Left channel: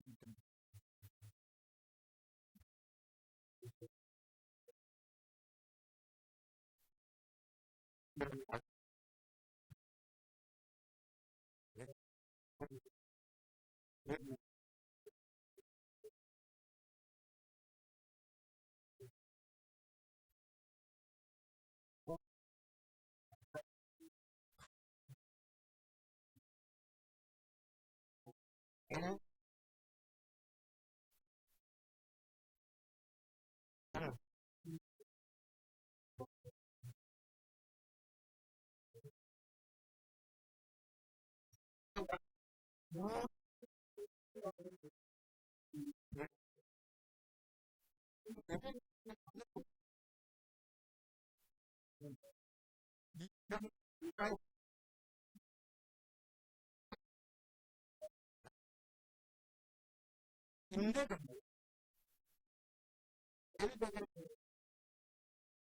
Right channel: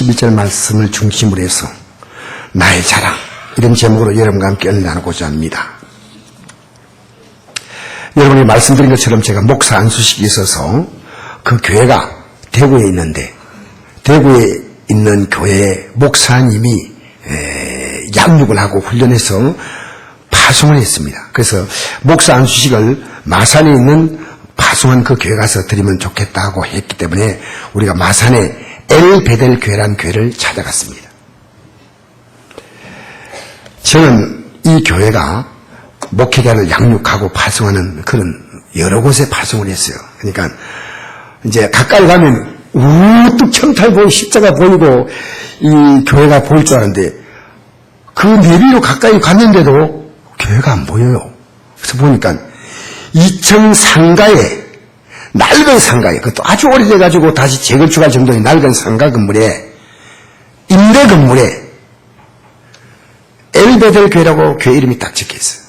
11절 말씀을 중심으로 해서 나의 자랑, 이런 제목으로 여러분과 함께 은혜 나누고자 합니다. 여러분이 말씀드린 것처럼 제가 목사 안수식이 있어서 그 교회가 대구에 있는데, 대구에 있는 교회에 목사님이 양육을 하고 훈련해서 파송을 했습니다. 그래서 목사 안수식을 마산에 있는 파송한 그 교회 가서 드리면 좋겠다고 했기 때문에 우리가 마산에 엘베델 교회라는 교회를 찾아갔습니다. 저는 이 교회가 목회자를 양육하고 파송하는 그런 여러 곳에 파송을 했어요. 그러니까 이제 가까이 가면 우뚝 청탈 보이고 십자가 보이고 이 교회가 보일 줄 알았는데 그 내비로 가까이 갔는데도 교회가 안 보여요. 그래서 보니까 2층 상가에, 낡은 상가에, 그것도 아주 오래돼가지고 다시 재건축할 정도의 낡은 상가 건물에, 임대 건물에 엘베델 교회라고 교회 이름이 딱 적혀있어요.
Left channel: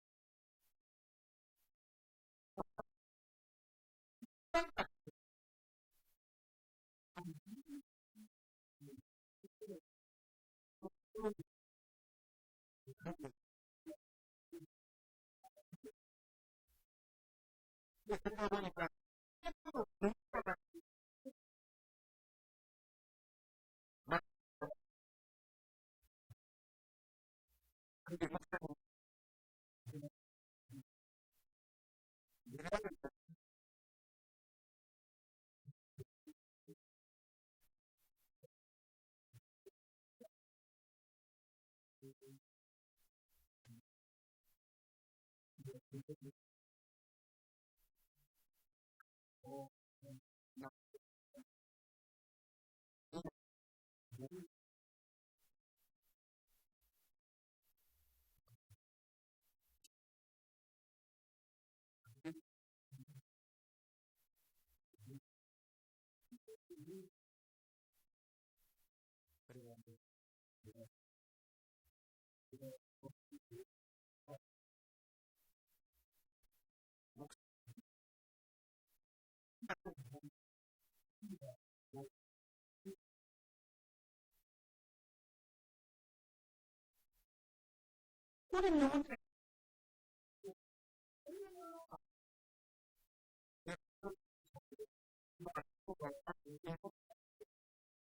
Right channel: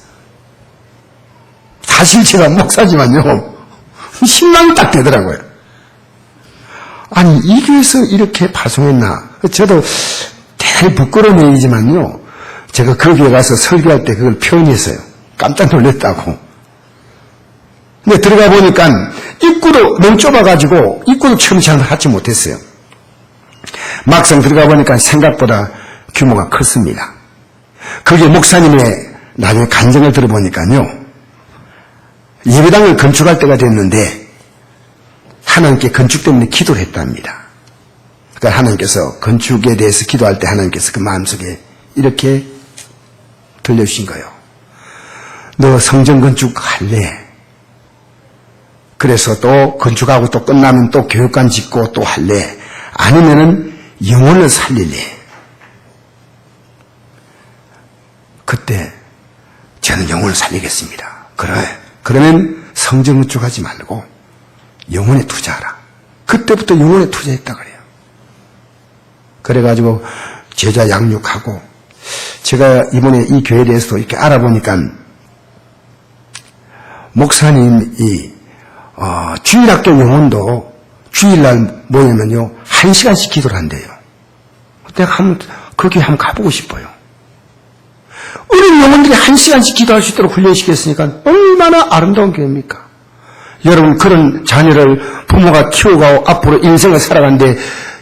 사실 제가 목사지만요, 신망이 딱 되더라고요. 아니, 이 교회에서 이렇게 파송했나? 저도 대단히 부끄러운 얘기지만요, 제가 그 교회 가서 설교할 때 그걸 표현했어요. 깜짝 놀랐다고. 근데 들어가 보니까 입구도 너무 좁아가지고 입구도 처음 잘 하지 못했어요. 막상 들어가 보니까 생각보다 규모가 컸습니다. 그게 목사님의 나중에 간증을 들어보니까요, 예배당을 건축할 때가 됐는데 하나님께 건축 때문에 기도를 했답니다. 그러니까 하나님께서 건축에 대해서 기도할 때 하나님께서 그 마음속에 이렇게 들려주신 거예요. 너 성전 건축할래? 그래서 또 건축하고 또 끝나면 또 교육관 짓고 또 할래? 아니면은 영혼을 살릴래? 그때 저는 영혼을 살리겠습니다. 그러면 성전 건축하지 말고 영혼에 투자하라. 그때부터 영혼에 투자했다 그래요. 그래가지고 제자 양육하고, 제가 이번에 이 교회에 대해서도 이렇게 알아보니까 목사님이 주일학교 영혼도 주일날 모이면요 1시간씩 기도를 한대요. 내가 거기 한번 가보고 싶어요. 어린 영혼들이 1시간씩 기도할 수 있도록 훈련시켰으니까 얼마나 아름다운 교회입니까? 여러분, 그런 자녀를 부모가 키우고 앞으로 인생을 살아가는데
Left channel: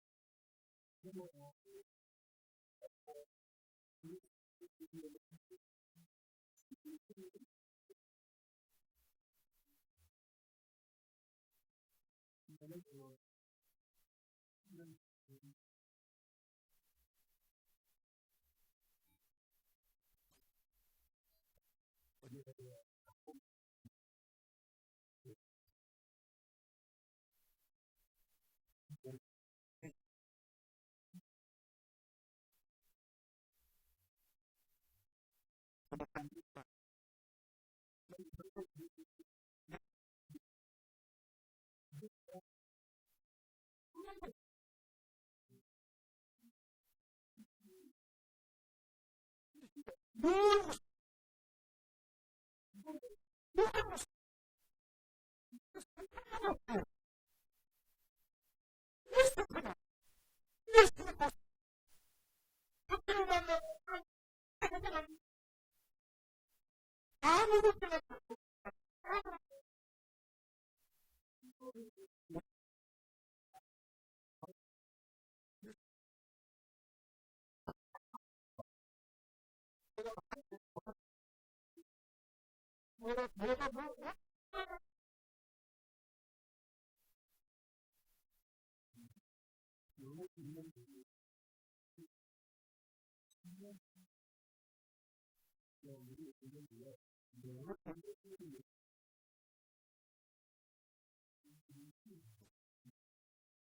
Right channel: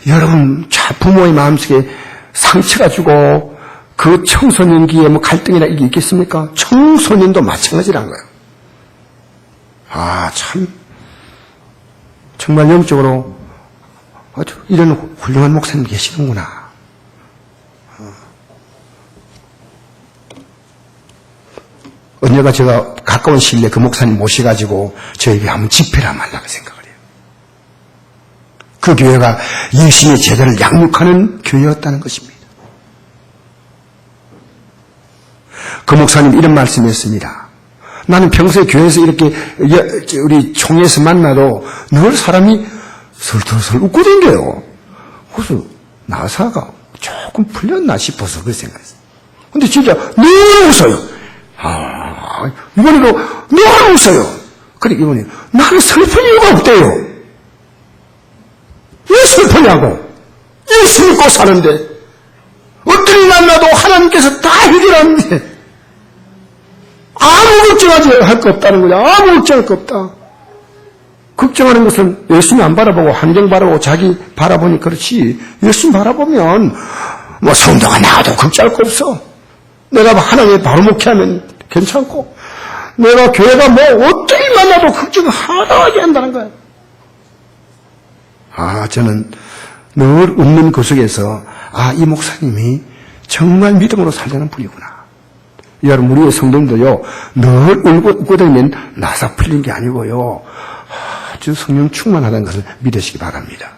여러분, 부모의 마음속에 상처가 주고 그 청소년기에 뭐 갈등이나 이게 있겠습니까? 청소년도 마찬가지란 거예요. 참 정말 영적으로 아주 이런 훌륭한 목사님 계시는구나. 언제가 제가 가까운 시일 내에 그 목사님 모셔가지고 저에게 한번 집회를 하면 하려고 생각을 해요. 그 교회가 열심히 제자를 양육하는 교회였다는 것입니다. 그 목사님 이런 말씀이었습니다. 나는 평소에 교회에서 이렇게 우리 총회에서 만나도 늘 사람이 설설설 웃고 댕겨요. 그래서 나사가 조금 풀렸나 싶어서 그렇게 생각했어요. 근데 진짜 늘 웃어요. 이번에도 늘 웃어요. 그래, 이번에 나는 슬픈 이유가 없대요. 왜 슬프냐고. 예수 믿고 사는데 어떤 일 만나도 하나님께서 다 해결하는데 아무 걱정하지 할 거 없다는 거야. 아무 걱정할 거 없다. 걱정하는 것은 예수님 안 바라보고 환경 바라보고 자기 바라보니 그렇지, 예수님 바라보면 뭐 성도가 나와도 걱정할 거 없어. 내가 하나님의 바로 목회하면 괜찮고, 내가 교회가 뭐 어떤 일 만나도 걱정 하나도 한다는 거야. 저는 늘 웃는 그 속에서 이 목사님이 정말 믿음으로 살려는 분이구나. 여러분, 우리의 성도들도요, 늘 울고 다니면 나사 풀린 게 아니고요, 아주 성령 충만하다는 것을 믿으시기 바랍니다.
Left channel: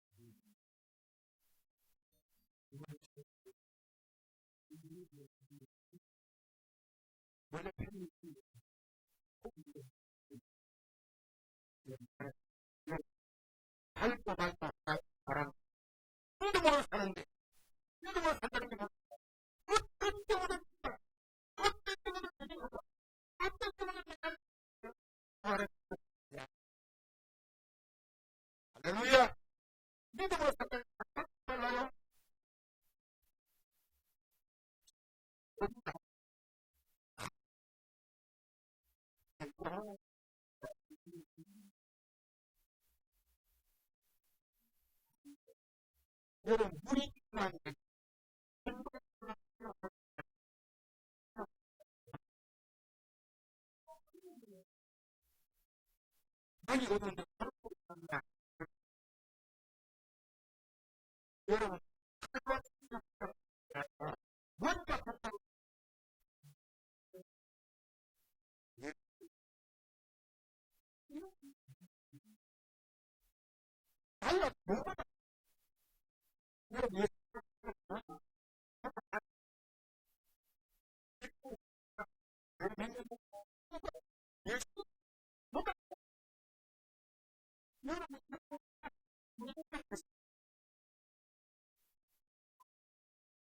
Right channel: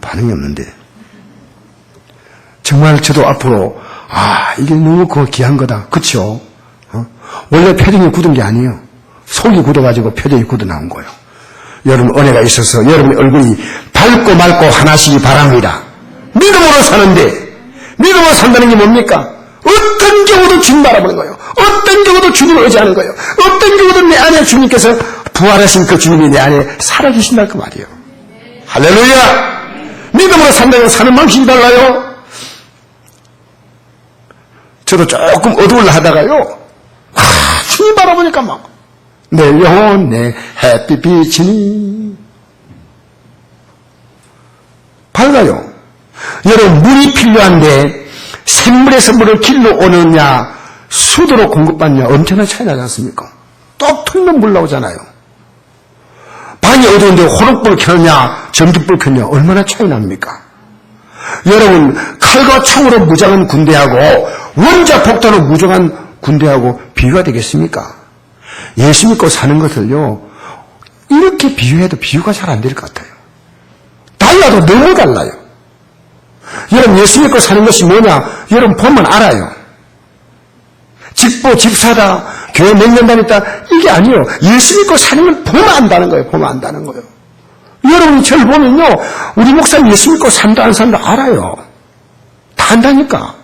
반응이 없는데. 정말 저도 앞으로, 이게 너무 귀한 거다. 그쵸? 원래 표정이 굳은 게 아니에요. 속이 굳어가지고 표정이 굳어 나온 거예요. 여러분, 은혜가 있어서 여러분의 얼굴이 밝고 맑고 하나시기 바랍니다. 믿음으로 사는데, 믿음으로 산다는 게 뭡니까? 어떤 경우도 주님 바라보는 거예요. 어떤 경우도 주님을 의지하는 거예요. 어떤 경우도 내 안에 주님께서 부활하신 그 주님이 내 안에 살아계신다는 그 말이에요. 할렐루야! 산다고 사는 방식이 달라요. 저도 조금 어두울라 하다가요, 주님 바라보니까 막, 내 영혼 내 햇빛이니 밝아요. 여러분, 물이 필요한데 샘물에서 물을 길러 오느냐 수도로 공급받느냐 엄청난 차이 나지 않습니까? 똑 틀면 물 나오잖아요. 방이 어두운데 호롱불 켜느냐 전기불 켜느냐 얼마나 차이 납니까? 여러분, 칼과 총으로 무장한 군대하고 원자폭탄으로 무장한 군대하고 비교가 되겠습니까? 예수 믿고 사는 것을요, 이렇게 비유해도 비유가 잘 안 될 것 같아요. 달라도 너무 달라요. 여러분, 예수 믿고 사는 것이 뭐냐? 여러분 보면 알아요. 집보, 집사다, 교회 몇 년 다녔다, 이게 아니에요. 예수 믿고 사는 걸 보면 안다는 거예요. 보면 안다는 거예요. 여러분이 저를 보면요, 우리 목사님 예수 믿고 산다 안 산다 알아요. 다 안다니까.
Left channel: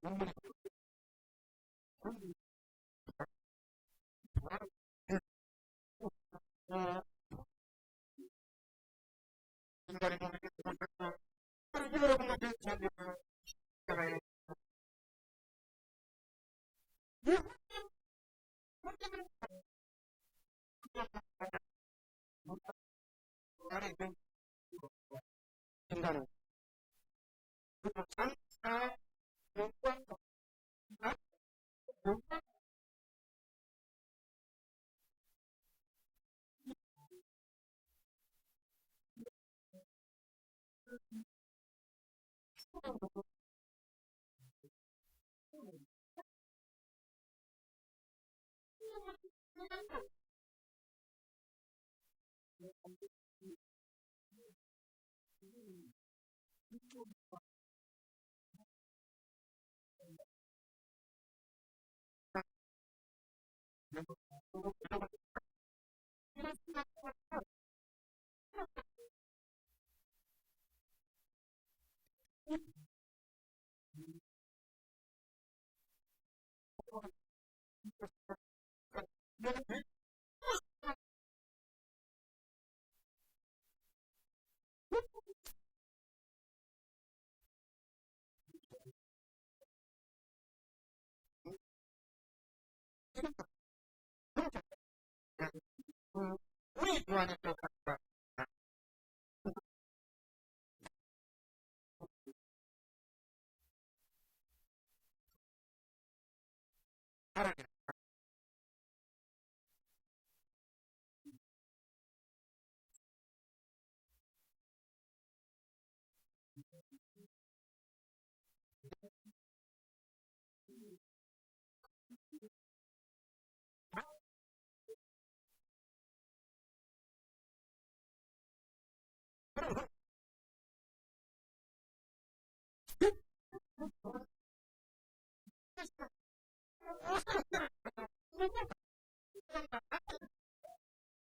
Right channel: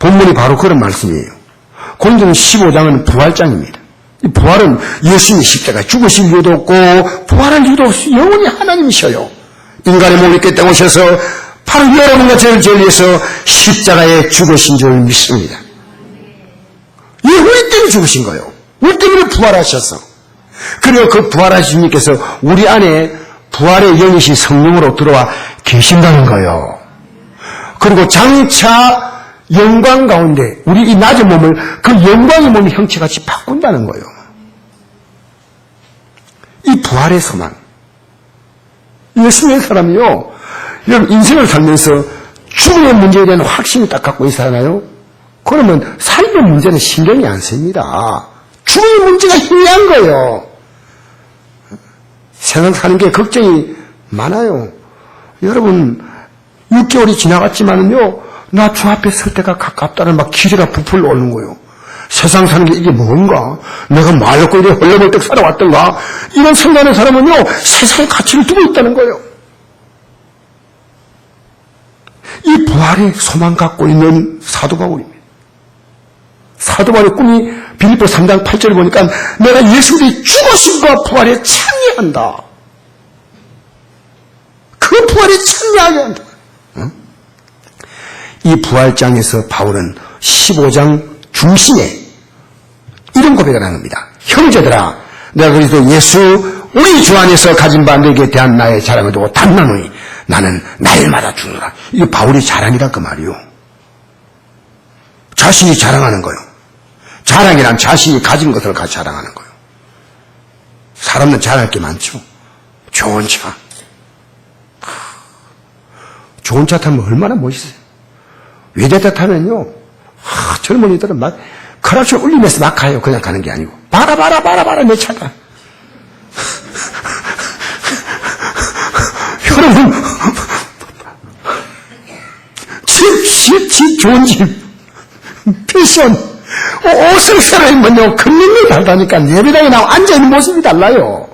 본문이 바로 그런 말씀이에요. 고린도전 15장은 부활장입니다. 이 부활은 예수님이 십자가에 죽으실 이유도 없고 부활할 이유도 없이 영원히 하나님이셔요. 인간의 몸을 입게 오셔서 바로 여러분과 저를 위해서 십자가에 죽으신 줄 믿습니다. 이 우리 때문에 죽으신 거예요. 우리 때문에 부활하셔서. 그리고 그 부활하신 주님께서 우리 안에 부활의 영이신 성령으로 들어와 계신다는 거예요. 그리고 장차 영광 가운데 우리 이 낮은 몸을 그 영광의 몸의 형체같이 바꾼다는 거예요. 이 부활의 소망. 예수 믿는 사람이요, 여러분 인생을 살면서 죽음의 문제에 대한 확신이 딱 갖고 있잖아요. 그러면 삶의 문제는 신경이 안 씁니다. 죽음의 문제가 희미한 거예요. 세상 사는 게 걱정이 많아요. 여러분 6개월이 지나갔지만은요, 나 주 앞에 설 때가 가깝다는 막 기세가 부풀러 오는 거예요. 세상 사는 게 이게 뭔가? 내가 말없고 이래 헐레벌떡 살아왔던가? 이런 생각하는 사람은요, 세상의 가치를 두고 있다는 거예요. 이 부활의 소망 갖고 있는 사도 바울입니다. 사도 바울의 꿈이 빌립보 3장 8절을 보니까 내가 예수의 죽으심과 부활에 참여한다. 그 부활에 참여하게 한다. 이 부활장에서 바울은 15장 중심에 이런 고백을 하는 겁니다. 형제들아, 내가 그리스도 예수 우리 주 안에서 가진 바 너에게 대한 나의 자랑을 두고 단단히 나는 날마다 주노라. 이게 바울의 자랑이란 그 말이요. 자신이 자랑하는 거요. 자랑이란 자신이 가진 것을 같이 자랑하는 거요. 사람은 자랑할 게 많죠. 좋은 차. 좋은 차 타면 얼마나 멋있어요. 외제차 타면요, 젊은이들은 막 크라시를 울리면서 막 가요. 그냥 가는 게 아니고 봐라 내 차다. 여러분, 집 좋은 집, 패션, 옷을 새로 입으면요, 큰일이 다르다니까. 예배당에 나와 앉아있는 모습이 달라요.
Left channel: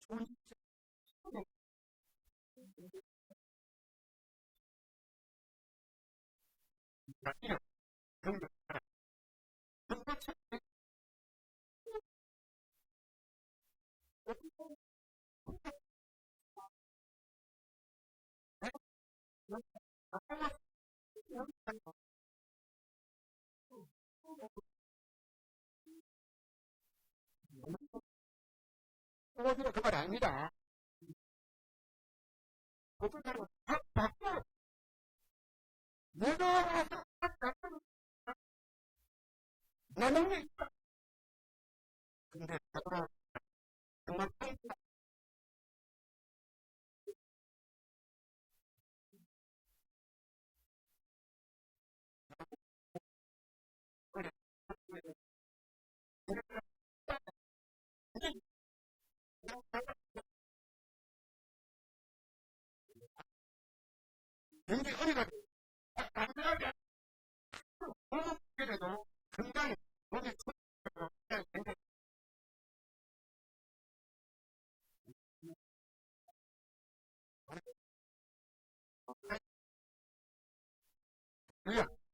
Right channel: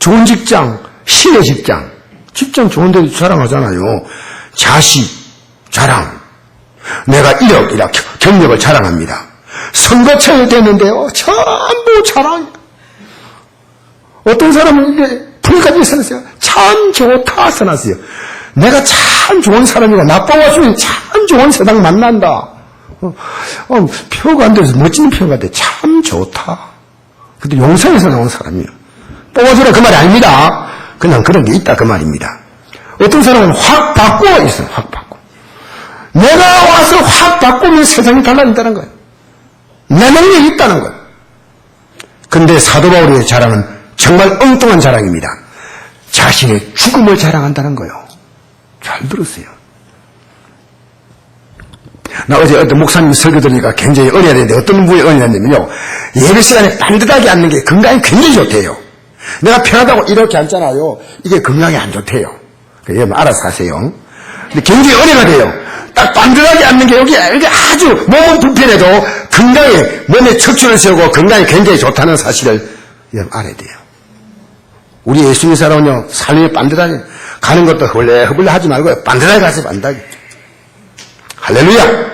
좋은 직장, 신의 직장, 직장 좋은 데도 자랑하잖아요. 자식, 자랑. 내가 이력 경력을 자랑합니다. 선거철이 됐는데요, 전부 자랑. 어떤 사람은 이게 불까지 써놨어요. 참 좋다 써놨어요. 내가 참 좋은 사람이고 나빠가지고 참 좋은 세상 만난다. 표가 안 돼서 멋진 표가 돼. 참 좋다. 근데 용산에서 나온 사람이에요. 뽑아주라 그 말이 아닙니다. 그냥 그런 게 있다 그 말입니다. 어떤 사람은 확 바꾸어 있어요. 확 바꾸어. 내가 와서 확 바꾸면 세상이 달라진다는 거예요. 내 능력이 있다는 거예요. 근데 사도 바울의 자랑은 정말 엉뚱한 자랑입니다. 자신의 죽음을 자랑한다는 거예요. 잘 들으세요. 나 어제 어떤 목사님 설교 들으니까 굉장히 은혜가 되는데 어떤 분이 은혜가 되냐면요, 예배 시간에 반듯하게 앉는 게 건강에 굉장히 좋대요. 내가 편하다고 이렇게 앉잖아요. 이게 건강에 안 좋대요. 여러분 알아서 하세요. 근데 굉장히 은혜가 돼요. 딱 반듯하게 앉는 게 여기 아주 몸은 불편해도 건강에 몸에 척추를 세우고 건강에 굉장히 좋다는 사실을 여러분 알아야 돼요. 우리 예수님 사람은요, 삶이 반듯하게 가는 것도 허블레 하지 말고 반듯하게 가세요. 반듯하게. 할렐루야.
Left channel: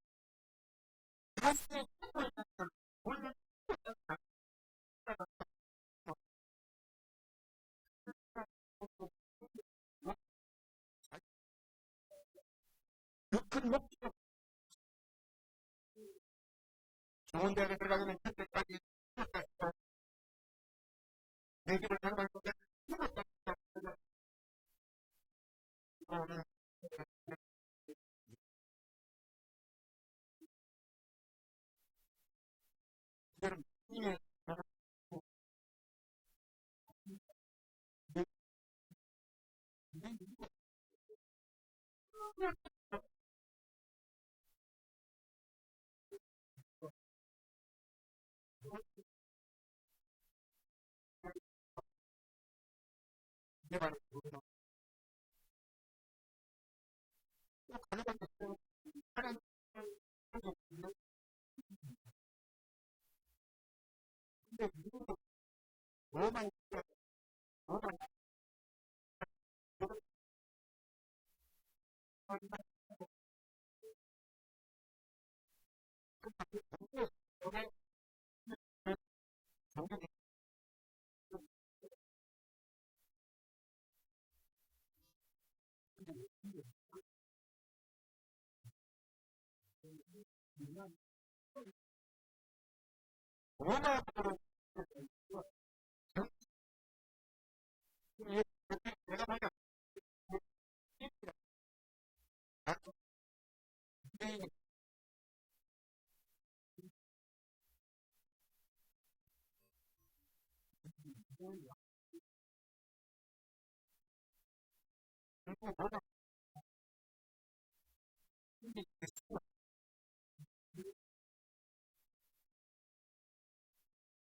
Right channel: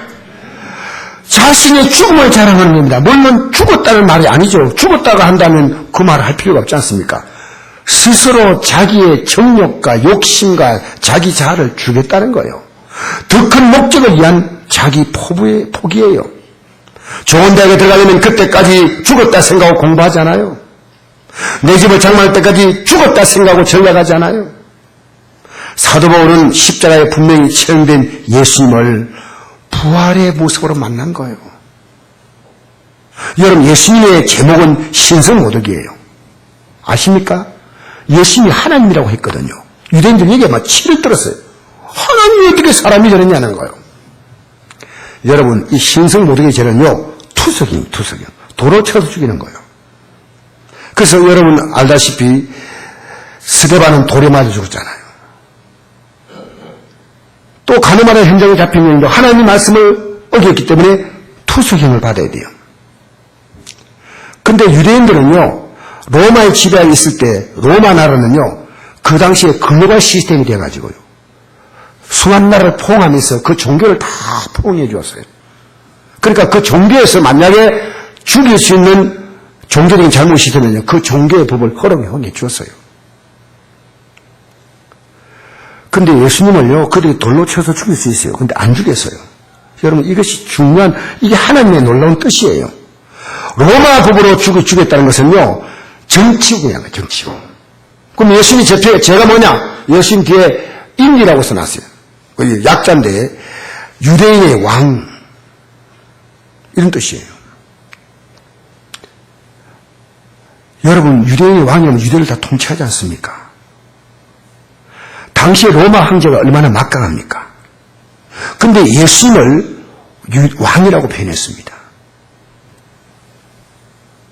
자신의 죽음을 자랑하는 겁니다. 물론 죽었다는 말이 아니죠. 죽었다가 한다면 그 말을 할 필요가 없지 않습니까? 스스로 자기의 정욕과 욕심과 자기 자아를 주겠다는 거예요. 더 큰 목적을 위한 자기 포기예요. 좋은 대학에 들어가려면 그때까지 죽었다 생각하고 공부하잖아요. 내 집을 장만할 때까지 죽었다 생각하고 전략하잖아요. 사도 바울은 십자가에 분명히 체험된 예수님을 부활의 모습으로 만난 거예요. 여러분, 예수님의 제목은 신성모독이에요. 아십니까? 예수님이 하나님이라고 했거든요. 유대인들에게 막 치를 들었어요. 하나님이 어떻게 사람이 되느냐는 거예요. 여러분, 이 신성모독의 죄는요, 투석이에요. 도로 쳐서 죽이는 거예요. 그래서 여러분 알다시피 스데반은 돌에 맞아 죽었잖아요. 또 가늠하는 현장에 잡힌 여인도 하나님 말씀을 어겼기 때문에 투석형을 받아야 돼요. 근데 유대인들은요, 로마의 지배하에 있을 때 로마 나라는요, 그 당시에 글로벌 시스템이 돼가지고요, 수많은 나라를 포옹하면서 그 종교를 다 포옹해 주었어요. 그러니까 그 종교에서 만약에 죽일 수 있는 종교적인 잘못이 있으면요, 그 종교의 법을 허용해 주었어요. 근데 예수님을요, 그들이 돌로 쳐서 죽일 수 있어요. 근데 안 죽였어요. 여러분, 이것이 중요한, 이게 하나님의 놀라운 뜻이에요. 로마 법으로 죽였다는 것은요, 정치구야, 정치구. 그럼 예수님 제가 뭐냐? 예수님 뒤에 인이라고 써놨어요. 약자인데, 유대인의 왕. 이런 뜻이에요. 여러분, 유대인의 왕이면 유대를 다 통치하지 않습니까? 당시에 로마 황제가 얼마나 막강합니까? 근데 예수님을 왕이라고 표현했습니다.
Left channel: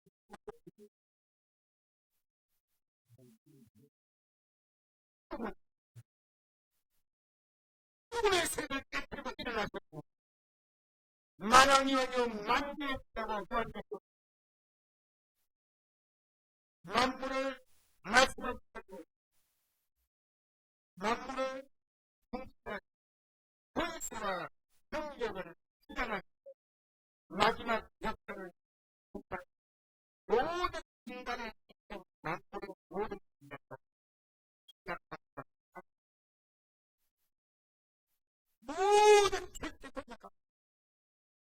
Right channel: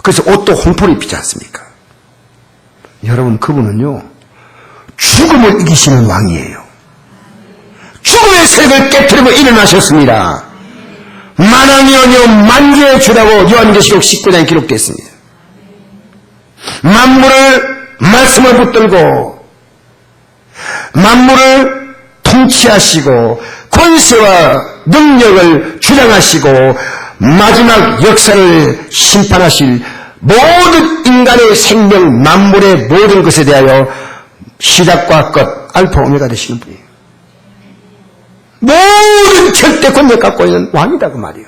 그래서 옷도 홍포를 입히지 않습니까? 여러분, 그분은요, 죽음을 이기시는 왕이에요. 죽음의 세력을 깨뜨리고 일어나셨습니다. 만왕이 아니요 만주의 주라고 요한계시록 19장에 기록되어 있습니다. 만물을 말씀을 붙들고 만물을 통치하시고 권세와 능력을 주장하시고 마지막 역사를 심판하실 모든 인간의 생명, 만물의 모든 것에 대하여 시작과 끝, 알파 오메가 되시는 분이에요. 모든 절대 권력 갖고 있는 왕이다 그 말이에요.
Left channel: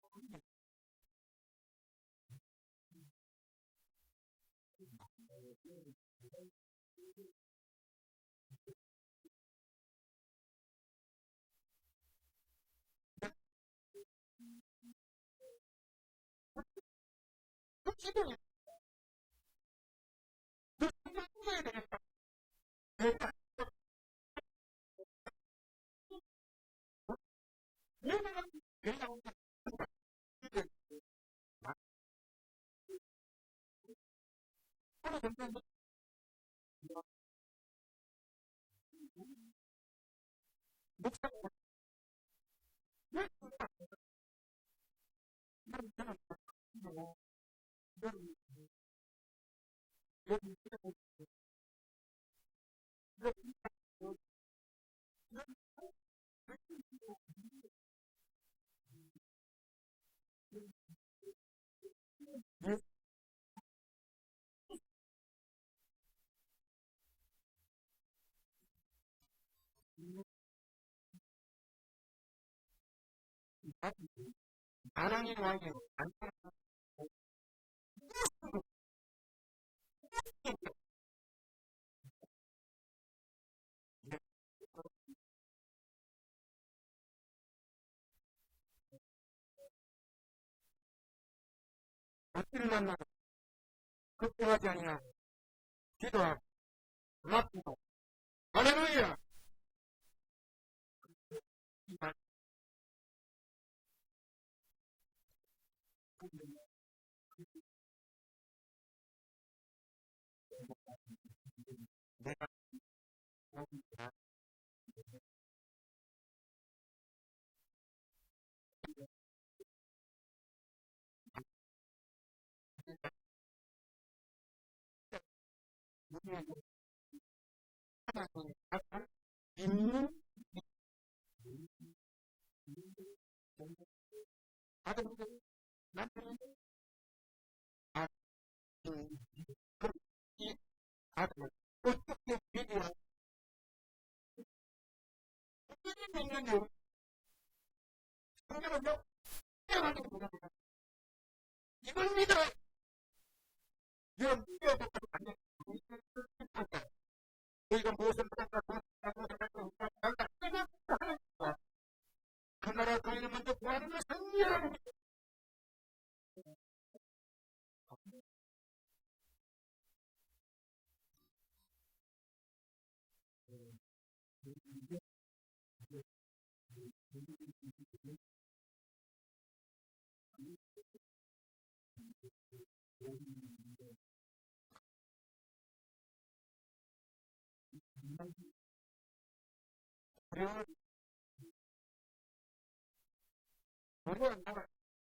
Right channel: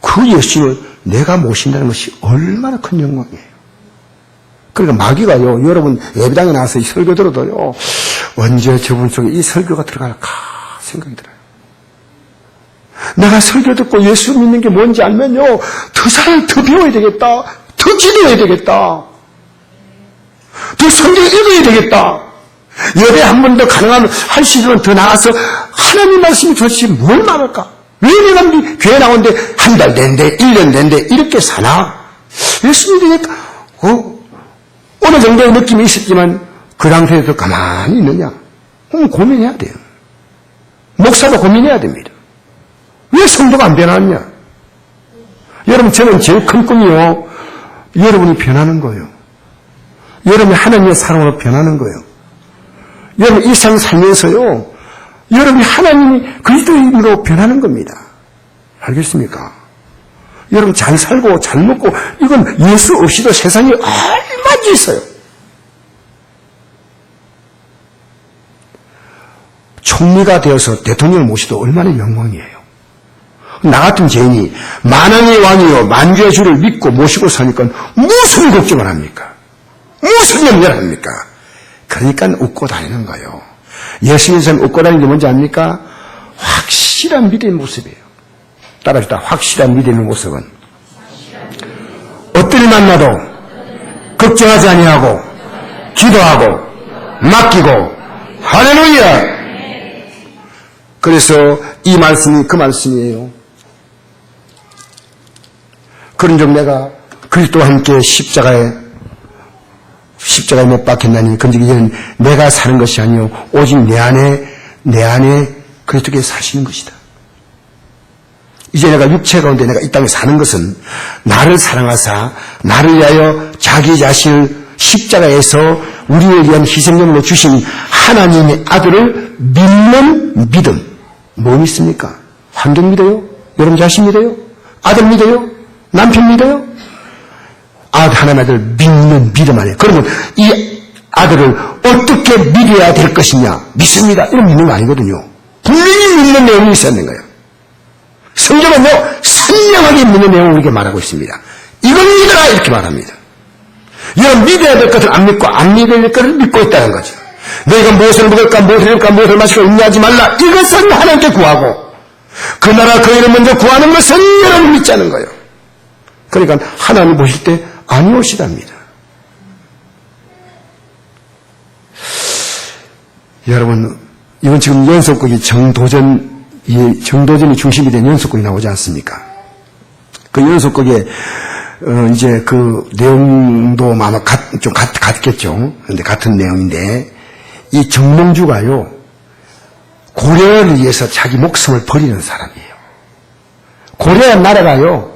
그 예수를 내가 모신다는 것이 얼마나 큰 영광이에요. 그러니까 마귀가요, 여러분 예배당에 나와서 이 설교 들어도요, 언제 저분 속에 이 설교가 들어갈까 생각이 들어요. 내가 설교 듣고 예수 믿는 게 뭔지 알면요, 더 배워야 되겠다, 더 기도해야 되겠다, 더 성경 읽어야 되겠다, 예배 한 번 더 가능하면 할 수 있으면 더 나가서 하나님 말씀이 도대체 뭘 말할까? 왜 내가 교회 나오는데 한 달 된대, 1년 된대 이렇게 사나? 예수 믿으니까 어느 정도의 느낌이 있었지만 그 당시에도 가만히 있느냐? 그럼 고민해야 돼요. 목사도 고민해야 됩니다. 왜 성도가 안 변하느냐? 여러분, 저는 제일 큰 꿈이요, 여러분이 변하는 거예요. 여러분이 하나님의 사랑으로 변하는 거예요. 여러분 이 세상 살면서요, 여러분이 하나님이 그리스도인으로 변하는 겁니다. 알겠습니까? 여러분 잘 살고 잘 먹고 이건 예수 없이도 세상에 얼마나 있어요. 총리가 되어서 대통령을 모시도 얼마나 영광이에요. 나 같은 죄인이 만왕의 왕이요 만주의 주를 믿고 모시고 사니까 무슨 걱정을 합니까? 무슨 염려를 합니까? 그러니까 웃고 다니는 거예요. 예수님의 삶 웃고 다니는 게 뭔지 압니까? 확실한 믿음의 모습이에요. 따라합시다. 확실한 믿음의 모습은 어떤 일 만나도 걱정하지 아니하고 기도하고 맡기고 할렐루야. 그래서 이 말씀이 그 말씀이에요. 그런즉 내가 그리스도와 함께 십자가에 못 박혔나니 그런즉 이제는 내가 사는 것이 아니요 오직 내 안에 그리스도께서 사시는 것이다. 이제 내가 육체 가운데 내가 이 땅에 사는 것은 나를 사랑하사 나를 위하여 자기 자신을 십자가에서 우리를 위한 희생제물로 주신 하나님의 아들을 믿는 믿음. 뭐 믿습니까? 환경 믿어요? 여러분 자신 믿어요? 아들 믿어요? 남편 믿어요? 하나님의 아들 믿는 믿음 안에. 그러면 이 아들을 어떻게 믿어야 될 것이냐? 믿습니다. 이런 믿는 거 아니거든요. 분명히 믿는 내용이 있었는 거예요. 성경은요, 선명하게 믿는 내용을 이렇게 말하고 있습니다. 이걸 믿어라! 이렇게 말합니다. 여러분, 믿어야 될 것을 안 믿고, 안 믿어야 될 것을 믿고 있다는 거죠. 너희가 무엇을 먹을까, 무엇을 입을까, 무엇을 마실까 염려하지 말라. 이것은 하나님께 구하고, 그 나라 그 일을 먼저 구하는 것은 여러분 믿자는 거예요. 그러니까 하나님 보실 때 아니오시답니다. 여러분, 이건 지금 연속극이 정도전이 중심이 된 연속극이 나오지 않습니까? 그 연속극에 이제 그 내용도 아마 좀 같겠죠. 그런데 같은 내용인데, 이 정몽주가요, 고려를 위해서 자기 목숨을 버리는 사람이에요. 고려 나라가요,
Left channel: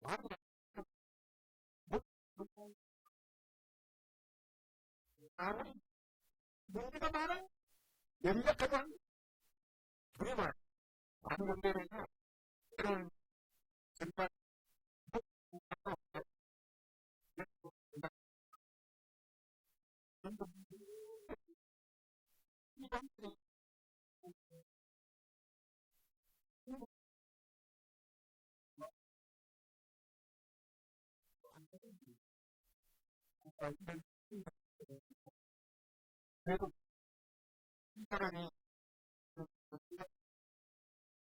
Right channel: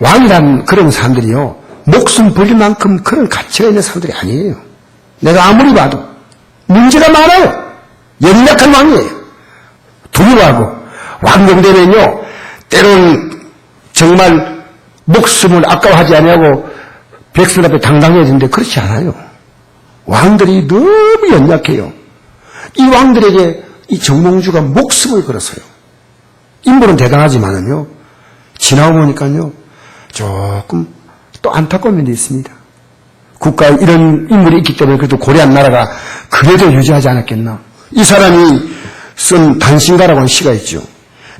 왕이란 그런 사람들이요, 목숨 버릴 만큼 그런 가치가 있는 사람들이 아니에요. 내가 아무리 봐도 문제가 많아요. 연약한 왕이에요. 두려워하고, 왕정되면요, 때로는 정말 목숨을 아까워하지 아니하고 백성 앞에 당당해지는데 그렇지 않아요. 왕들이 너무 연약해요. 이 왕들에게 이 정몽주가 목숨을 걸었어요. 인물은 대단하지만은요, 지나고 보니까요, 조금 또 안타까운 면도 있습니다. 국가에 이런 인물이 있기 때문에 그래도 고려한 나라가 그래도 유지하지 않았겠나. 이 사람이 쓴 단신가라고 하는 시가 있죠.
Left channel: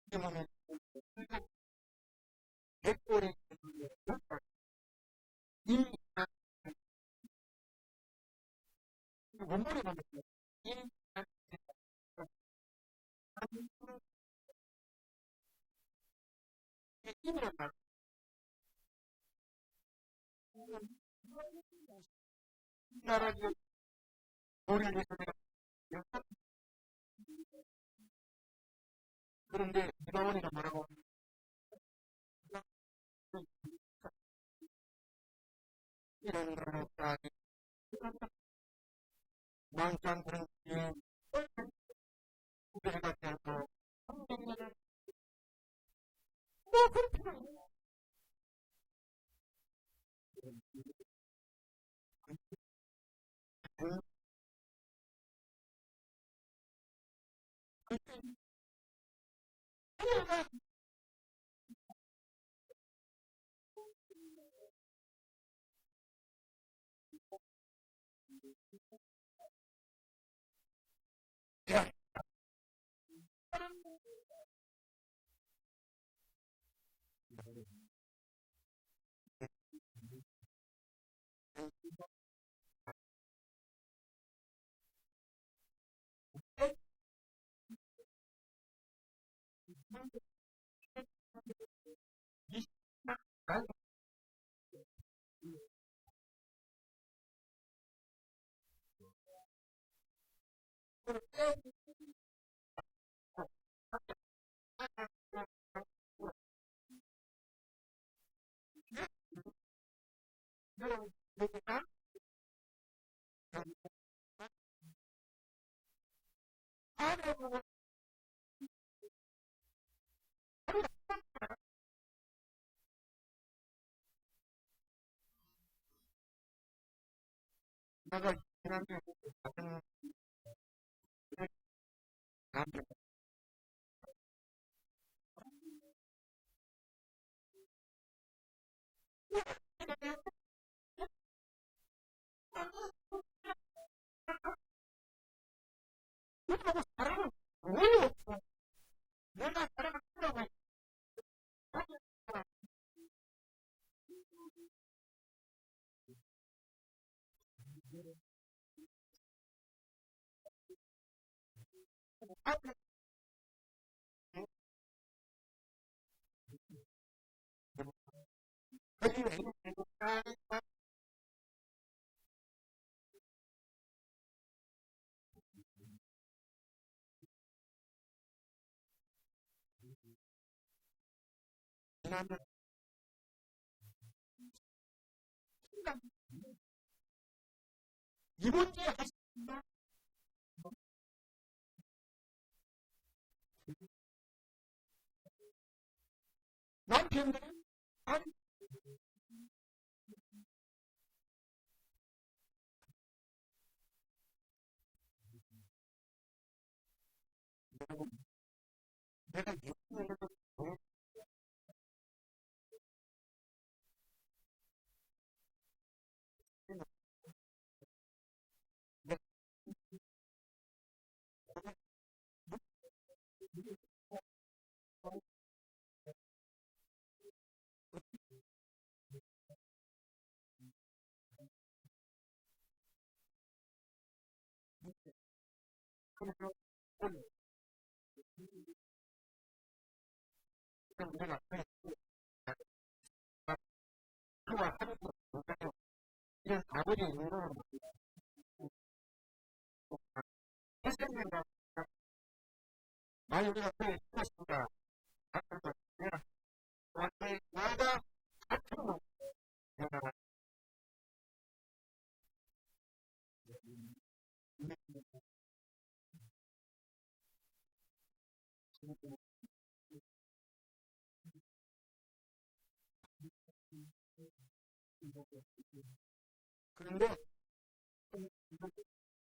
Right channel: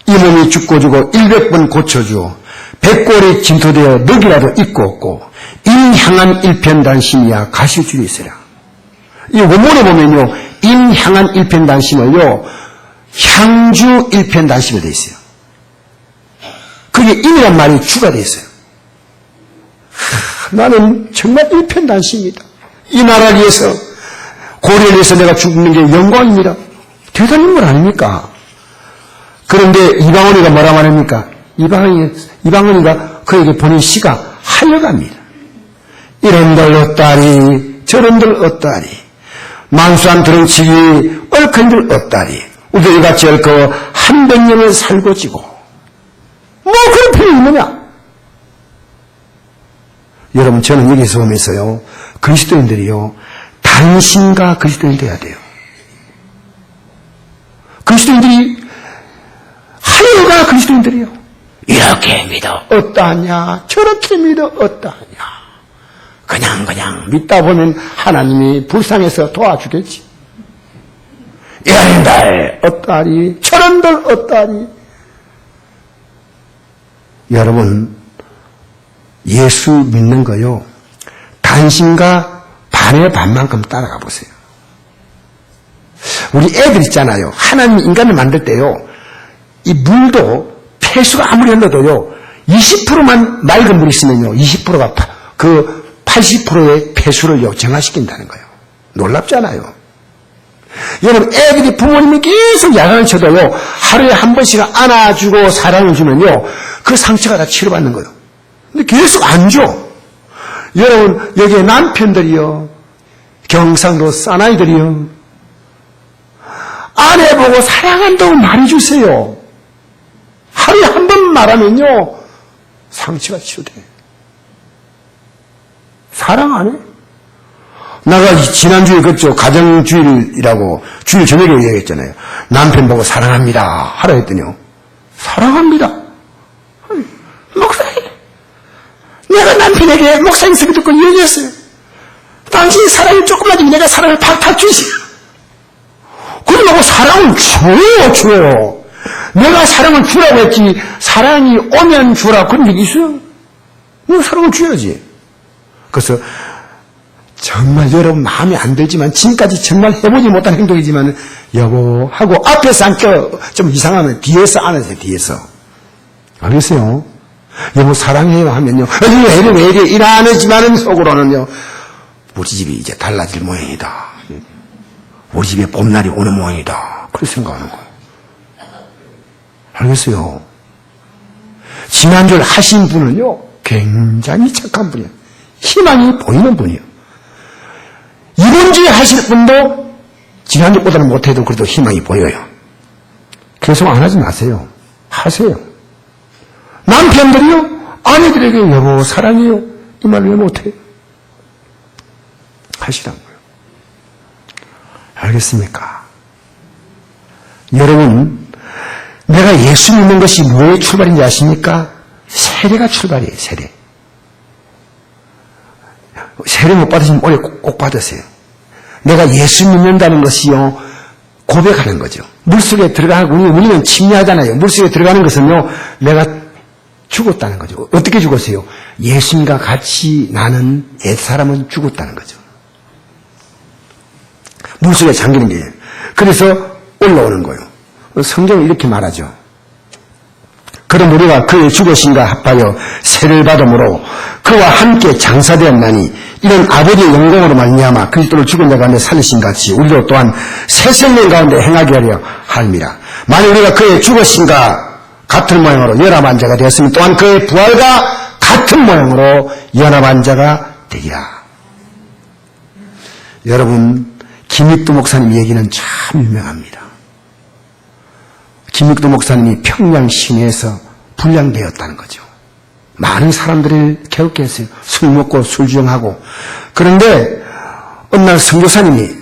이 몸이 죽고 주고 100번 고쳐주어 백골이 진토되어 넉이라도 있고 없고 인향한 일편단심이야 가시줄이 있으라. 이 원문에 보면요, 인향한 일편단심을요, 향주 일편단심이 되어 있어요. 그게 인이란 말이 주가 되어 있어요. 나는 정말 일편단심이다. 이 나라를 위해서, 고려를 위해서 내가 죽는 게 영광입니다. 대단한 건 아닙니까? 그런데 이방원이가 뭐라 말합니까? 이방원이가 그에게 보낸 시가 하여갑니다. 이런들 어따리, 저런들 어따리, 만수한 드렁치기, 얼큰들 어따리, 우리들이 같이 얽어 한 100년을 살고 지고, 뭐 그런 필요 있느냐? 여러분, 저는 여기서 보면서요, 그리스도인들이요, 단신과 그리스도인 돼야 돼요. 그리스도인들이, 하여가 그리스도인들이요. 이렇게 믿어 어떠하냐, 저렇게 믿어 어떠하냐. 그냥 믿다 보면 하나님이 불쌍해서 도와주겠지. 이런들 어떠하리, 저런들 어떠하리. 여러분, 예수 믿는 거요, 단신과 반의 반만큼 따라가 보세요. 우리 애들 있잖아요. 하나님 인간을 만들 때요, 이 물도 폐수가 아무리 흘러도요, 20%만 맑은 물이 있으면요, 20%가 그 80%의 폐수를 정화시킨다는 거예요. 놀랍잖아요. 여러분, 애들이 부모님이 계속 야단을 쳐도요, 하루에 한 번씩 안아주고 사랑을 주면요, 그 상처가 다 치료받는 거예요. 근데 계속 안 줘. 여러분, 여기에 남편들이요, 경상도 사나이들이요, 아내 보고 사랑한다고 말해주세요. 하루에 한 번 말하면요, 상처가 치유돼. 사랑 안 해? 나가 지난주에 그랬죠. 가정주일이라고 주일 저녁에 얘기했잖아요. 남편 보고 사랑합니다 하라 했더니요, 사랑합니다. 목사님, 내가 남편에게 목사님 소리 듣고 얘기했어요. 당신이 사랑이 조금만 내가 사랑을 팍팍 주지. 그러고 사랑을 줘요. 내가 사랑을 주라고 했지, 사랑이 오면 주라 그런 얘기 있어요? 내가 사랑을 줘야지. 그래서 정말 여러분 마음에 안 들지만, 지금까지 정말 해보지 못한 행동이지만, 여보 하고 앞에서 안겨 좀 이상하면 뒤에서 안으세요. 뒤에서. 알겠어요? 여보 사랑해요 하면요, 왜 이래 일 안 하지만은 속으로는요, 우리 집이 이제 달라질 모양이다. 우리 집에 봄날이 오는 모양이다. 그렇게 생각하는 거예요. 알겠어요? 지난주에 하신 분은요, 굉장히 착한 분이에요. 희망이 보이는 분이에요. 이번 주에 하실 분도 지난주보다는 못해도 그래도 희망이 보여요. 계속 안 하지 마세요. 하세요. 남편들이요, 아내들에게 여보 사랑해요 이 말 왜 못해요? 하시란 거예요. 알겠습니까? 여러분, 내가 예수 믿는 것이 뭐의 출발인지 아십니까? 세례가 출발이에요, 세례. 세례 못 받으시면 올해 꼭 받으세요. 내가 예수 믿는다는 것이요, 고백하는 거죠. 물속에 들어가고, 우리는 침례하잖아요. 물속에 들어가는 것은요, 내가 죽었다는 거죠. 어떻게 죽었어요? 예수님과 같이 나는 옛사람은 죽었다는 거죠. 물속에 잠기는 게. 그래서 올라오는 거예요. 성경은 이렇게 말하죠. 그럼 우리가 그의 죽으심과 합하여 세를 받음으로 그와 함께 장사되었나니 이런 아버지의 영광으로 말미암아 그리스도를 죽은 자 가운데 살리신 같이 우리도 또한 새 생명 가운데 행하게 하려 함이라. 만일 우리가 그의 죽으심과 같은 모양으로 연합한 자가 되었으면 또한 그의 부활과 같은 모양으로 연합한 자가 되리라. 여러분, 김익두 목사님 얘기는 참 유명합니다. 김익두 목사님이 평양 시내에서 불량되었다는 거죠. 많은 사람들을 괴롭게 했어요. 술 먹고 술 주정하고. 그런데 어느 날 선교사님이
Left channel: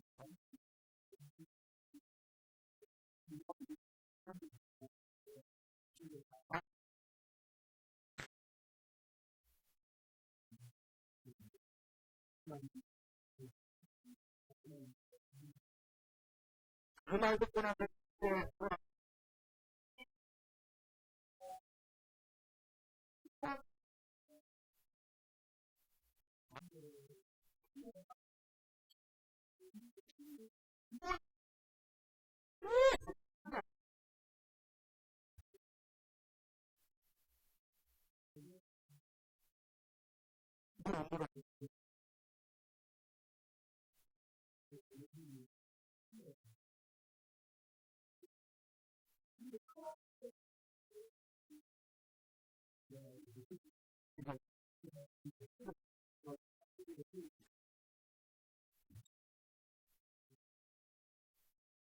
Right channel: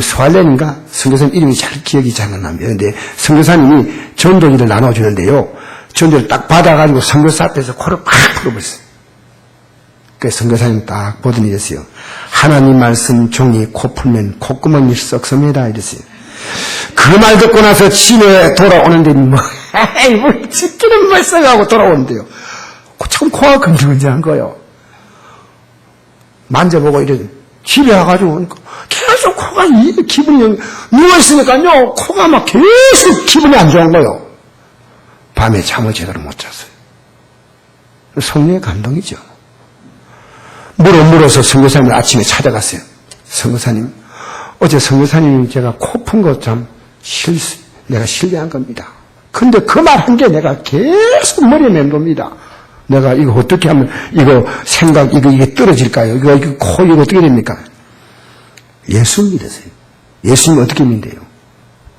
스왈렌인가? 선교사님 이름이 잘 기억이 잘 안 납니다. 그런데 선교사님이 전도기를 나눠주는데요. 전도를 딱 받아가지고 선교사 앞에서 코를 팍 풀어버렸어요. 그래서 선교사님 딱 보더니 이랬어요. 하나님 말씀 종이 코 풀면 콧구멍이 썩습니다. 이랬어요. 그 말 듣고 나서 집에 돌아오는데 에이 뭘 집기는 뭘 써가고 돌아오는데요. 참 코가 근질근질한 거예요. 만져보고 이래 집에 와가지고 계속 코가 기분이 누워있으니까요. 코가 막 계속 기분이 안 좋은 거예요. 밤에 잠을 제대로 못 잤어요. 성령의 감동이죠. 물어서 선교사님을 아침에 찾아갔어요. 선교사님, 어제 선교사님이 제가 코 푼 거 참 내가 실례한 겁니다. 근데 그 말 한 게 내가 계속 머리에 맴돕니다. 내가 이거 어떻게 하면 이거 생각 이게 떨어질까요? 이거 코 이거 어떻게 됩니까? 예수 믿으세요. 예수님 어떻게 믿는데요?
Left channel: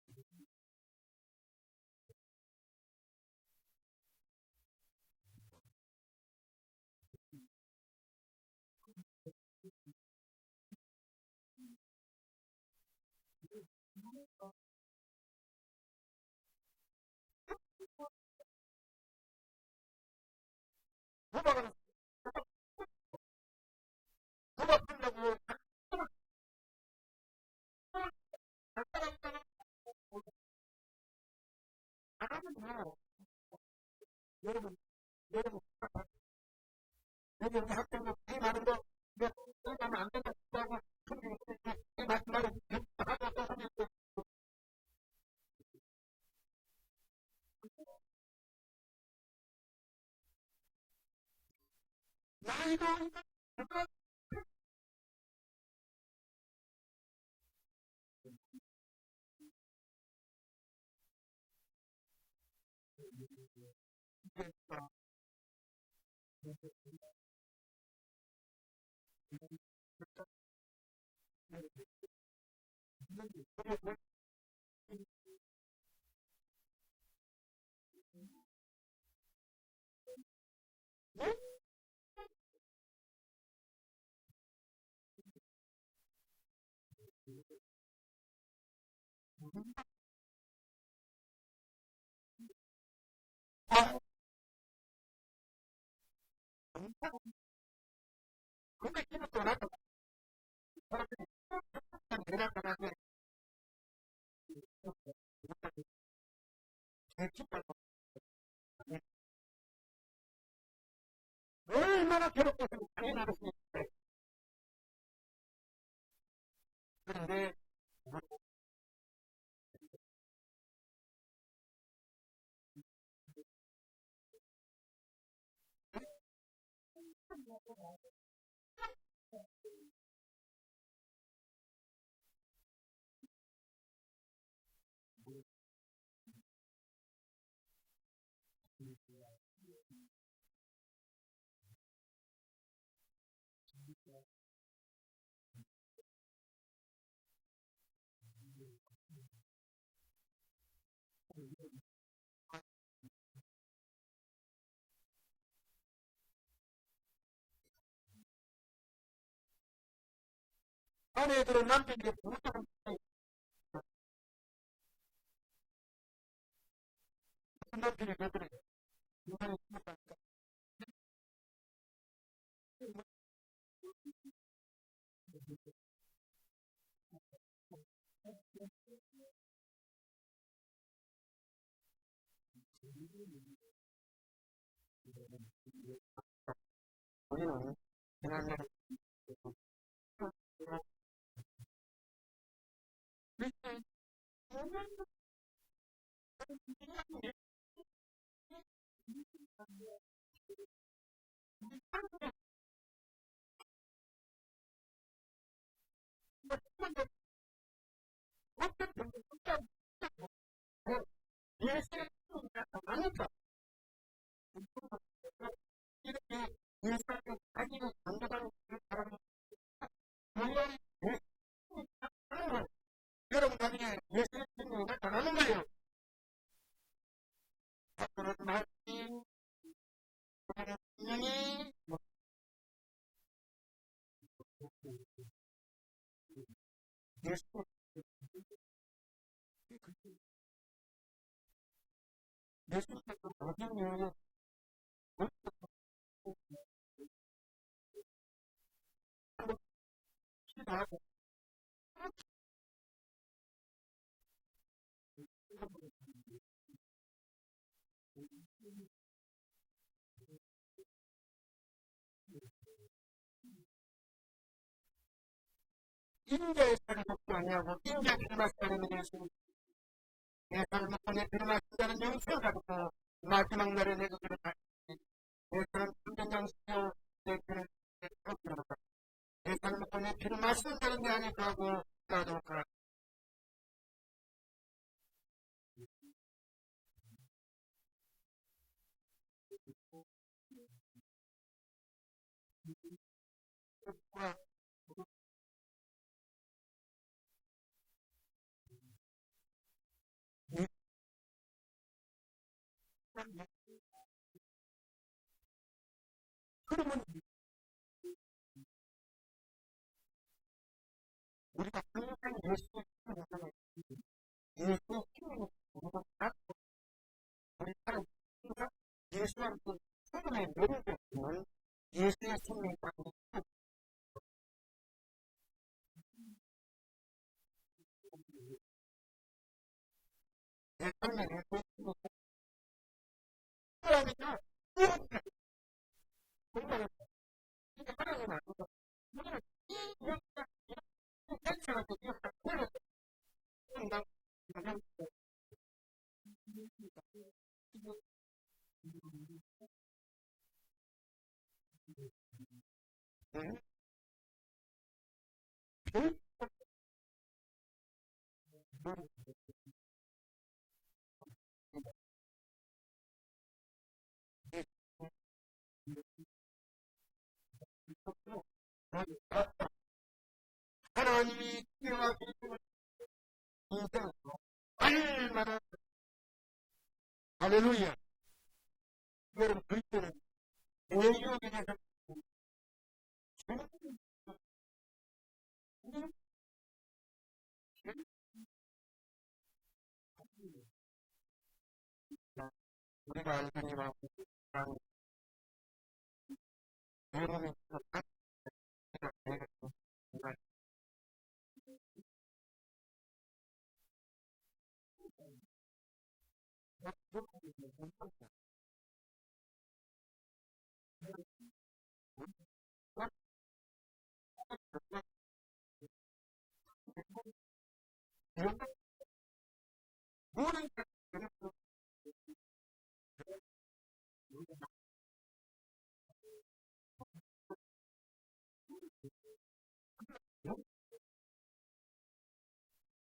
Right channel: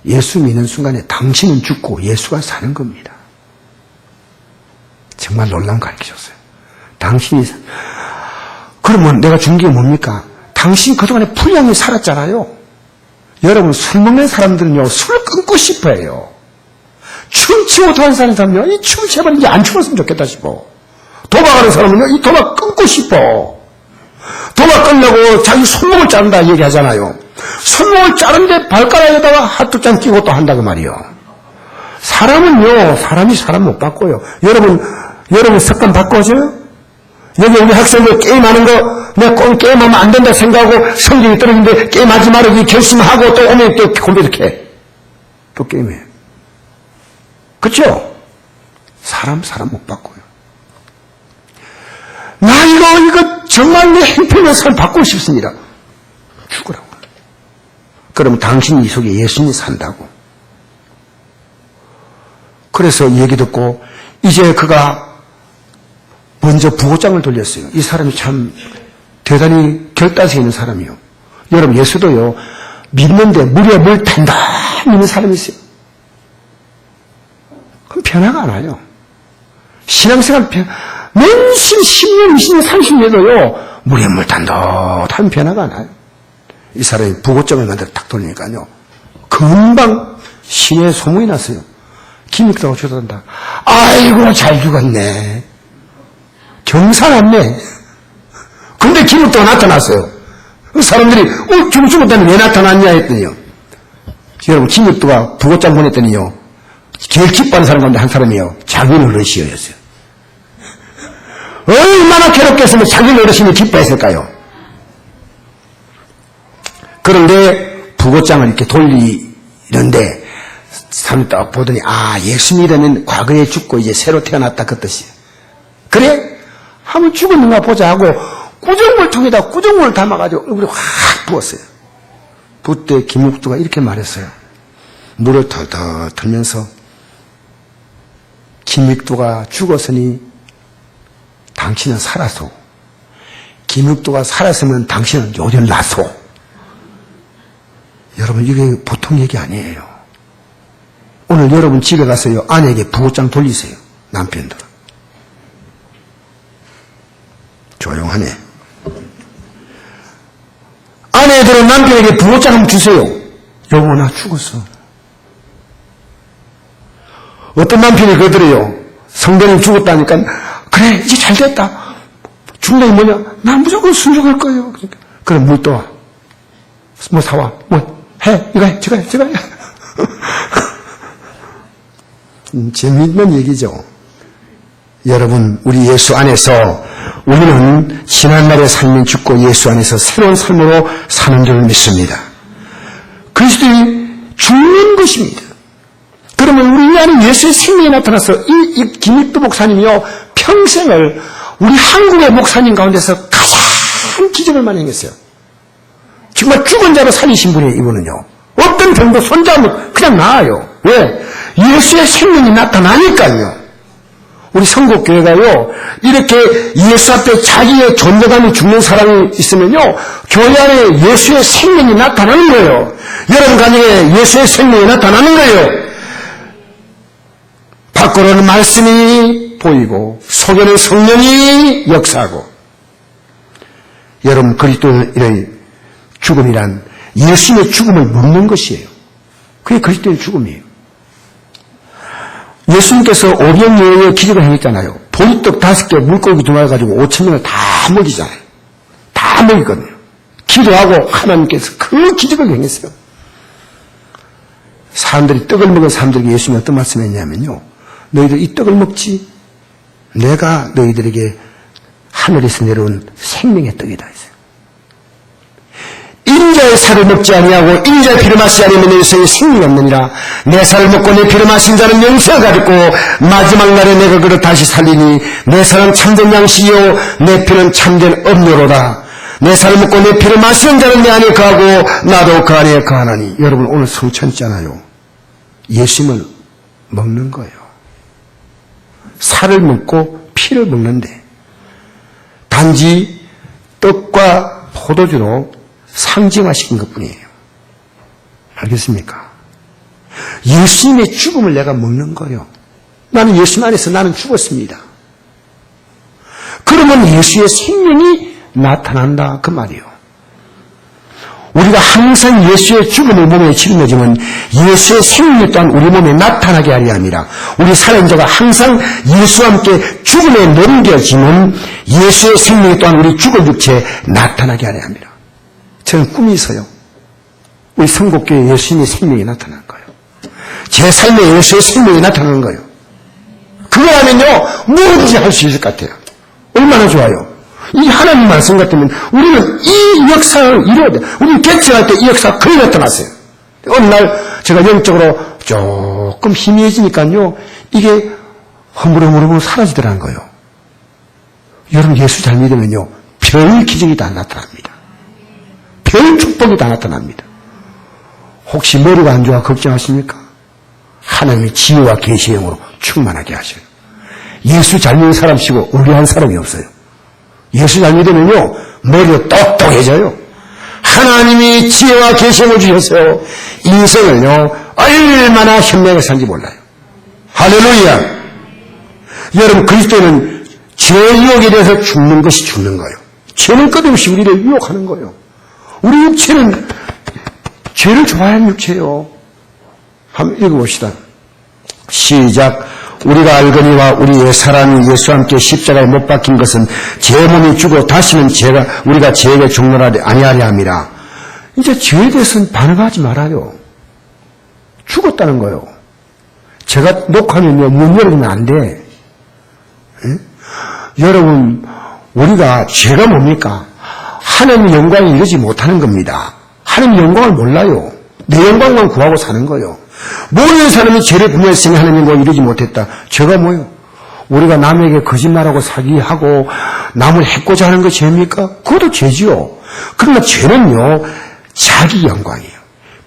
예수 믿는 순간에 당신은 죽고 예수가 사는 겁니다. 정말 놀라운 거 가르쳐줬어요. 당신이 그러면 내가 준 게 뭡니까? 당신 그동안에 불량히 살았잖아요. 여러분, 술 먹는 사람들은요, 술을 끊고 싶어 해요. 춤추고 도와는 사람은요, 이 춤 제발 이제 안 추었으면 좋겠다 싶어. 도박하는 사람은요, 이 도박 끊고 싶어. 도박 끊려고 자기 손목을 자른다 얘기하잖아요. 손목을 자른데 발가락에다가 핫도장 끼고 또 한다고 말이요. 사람은요, 사람이 사람 못 바꿔요. 여러분 습관 바꿔줘요? 여기 우리 학생들 게임하는 거, 내가 게임하면 안 된다 생각하고 성적이 떨어지는데 게임하지 말고 결심하고 또 오면 또 컴퓨터 켜. 또 게임해. 그쵸? 사람 못 바꿔요. 나 이거 정말 내 행편의 삶 바꾸고 싶습니다. 죽으라고. 그럼 당신 이 속에 예수님이 산다고. 그래서 얘기 듣고 이제 그가 먼저 부고장을 돌렸어요. 이 사람이 참 대단히 결단성 있는 사람이요. 여러분, 예수도요, 믿는데 물에 물 단단히 믿는 사람이 있어요. 그럼 변화가 안 와요. 신앙생활 맨신 10년, 20년, 30년도요, 물에 물 단단한 변화가 안 와요. 이 사람이 부고장을 만들어 딱 돌리니까요, 금방 시내에 소문이 났어요. 김익도가 죽었다. 아이고, 잘 죽었네. 경사났네. 근데 김익도가 나타났어요. 사람들이 죽었다니 왜 나타났냐 했더니요. 여러분, 김익도가 부고장 보냈더니요, 제일 기뻐하는 사람 가운데 한 사람이요, 자기 어르신이었어요. 얼마나 괴롭겠으면 자기 어르신이 기뻐했을까요? 그런데 부고장을 이렇게 돌리는데 사람이 딱 보더니 예수 믿으면 과거에 죽고 이제 새로 태어났다 그 뜻이에요. 그래? 한번 죽었는가 보자 하고 꾸정물통에다 꾸정물을 담아가지고 얼굴에 확 부었어요. 그때 김익두가 이렇게 말했어요. 물을 덜덜 들면서 김익두가 죽었으니 당신은 살았소. 김익두가 살았으면 당신은 요즘 났소. 여러분, 이게 보통 얘기 아니에요. 오늘 여러분 집에 가서요, 아내에게 부고장 돌리세요. 남편들은. 조용하네. 여러분 남편에게 부모장 한번 주세요. 여보 나 죽었어. 어떤 남편이 그러더래요. 성도님 죽었다니까 그래 이제 잘 됐다. 중간이 뭐냐? 난 무조건 순종할 거예요. 그러니까. 그럼 물 떠와. 뭐 사와. 뭐 해. 이거 해. 저거 해. 저거 해. 재미있는 얘기죠. 여러분 우리 예수 안에서 우리는 지난날의 삶이 죽고 예수 안에서 새로운 삶으로 사는 줄 믿습니다. 그리스도인이 죽는 것입니다. 그러면 우리 안에 예수의 생명이 나타나서 이 김익도 목사님이요 평생을 우리 한국의 목사님 가운데서 가장 기적을 많이 행했어요. 정말 죽은 자로 살리신 분이에요. 이분은요. 어떤 병도 손잡으면 그냥 나아요. 왜? 예수의 생명이 나타나니까요. 우리 성국교회가요 이렇게 예수 앞에 자기의 존재감이 죽는 사람이 있으면요 교회 안에 예수의 생명이 나타나는 거예요. 여러분 가정에 예수의 생명이 나타나는 거예요. 밖으로는 말씀이 보이고 속에는 성령이 역사하고. 여러분 그리스도인의 죽음이란 예수님의 죽음을 먹는 것이에요. 그게 그리스도의 죽음이에요. 예수님께서 오병이어의 기적을 행했잖아요. 보리떡 5개 물고기 2마리 가지고 5,000명을 다 먹이잖아요. 다 먹이거든요. 기도하고 하나님께서 그 기적을 행했어요. 사람들이 떡을 먹은 사람들에게 예수님이 어떤 말씀을 했냐면요. 너희들 이 떡을 먹지 내가 너희들에게 하늘에서 내려온 생명의 떡이다 했어요. 인자의 살을 먹지 아니하고 인자의 피를 마시지 아니하면 내 인생에 생명이 없느니라. 내 살을 먹고 내 피를 마신 자는 영생을 가졌고 마지막 날에 내가 그를 다시 살리니 내 살은 참된 양식이요 내 피는 참된 음료로다. 내 살을 먹고 내 피를 마시는 자는 내 안에 거하고 나도 그 안에 거하나니. 여러분 오늘 성찬이잖아요. 예수님을 먹는 거예요. 살을 먹고 피를 먹는데 단지 떡과 포도주로 상징화시킨 것뿐이에요. 알겠습니까? 예수님의 죽음을 내가 먹는 거예요. 나는 예수님 안에서 나는 죽었습니다. 그러면 예수의 생명이 나타난다 그 말이에요. 우리가 항상 예수의 죽음을 몸에 짊어지면 예수의 생명이 또한 우리 몸에 나타나게 하려 함이라. 우리 살인자가 항상 예수와 함께 죽음에 넘겨지면 예수의 생명이 또한 우리 죽을 육체에 나타나게 하려 함이라. 저는 꿈이 있어요. 우리 성국교회에 예수님의 생명이 나타난 거예요. 제 삶에 예수의 생명이 나타나는 거예요. 그거 하면요 뭐든지 할 수 있을 것 같아요. 얼마나 좋아요. 이 하나님 말씀 같으면 우리는 이 역사를 이루어야 돼. 우리는 개척할 때 이 역사가 거의 나타났어요. 어느 날 제가 영적으로 조금 희미해지니까요 이게 허물허물허물 사라지더라는 거예요. 여러분 예수 잘 믿으면요 별 기적이 다 나타납니다. 별 축복이 다 나타납니다. 혹시 머리가 안 좋아 걱정하십니까? 하나님의 지혜와 계시의 영으로 충만하게 하셔요. 예수 잘 믿는 사람치고 의뢰한 사람이 없어요. 예수 잘 믿으면요 머리가 똑똑해져요. 하나님이 지혜와 계시를 주셔서 인생을요 얼마나 현명하게 산지 몰라요. 할렐루야. 여러분 그리스도는 죄의 유혹에 대해서 죽는 것이 죽는 거예요. 죄는 끝없이 우리를 유혹하는 거예요. 우리 육체는 죄를 좋아하는 육체예요. 한번 읽어봅시다. 시작. 우리가 알거니와 우리의 사람이 예수와 함께 십자가에 못 박힌 것은 제 몸이 죽어 다시는 우리가 죄에게 죽노라 아니하려 함이라. 이제 죄에 대해서는 반응하지 말아요. 죽었다는 거예요. 제가 녹화하면요 문 열어주면 안 돼. 응? 여러분 우리가 죄가 뭡니까? 하나님의 영광을 이루지 못하는 겁니다. 하나님의 영광을 몰라요. 내 영광만 구하고 사는 거예요. 모르는 사람이 죄를 분별했으니 하나님의 영광을 이루지 못했다. 죄가 뭐예요? 우리가 남에게 거짓말하고 사기하고 남을 해코자 하는 거 죄입니까? 그것도 죄지요. 그러나 죄는요 자기 영광이에요.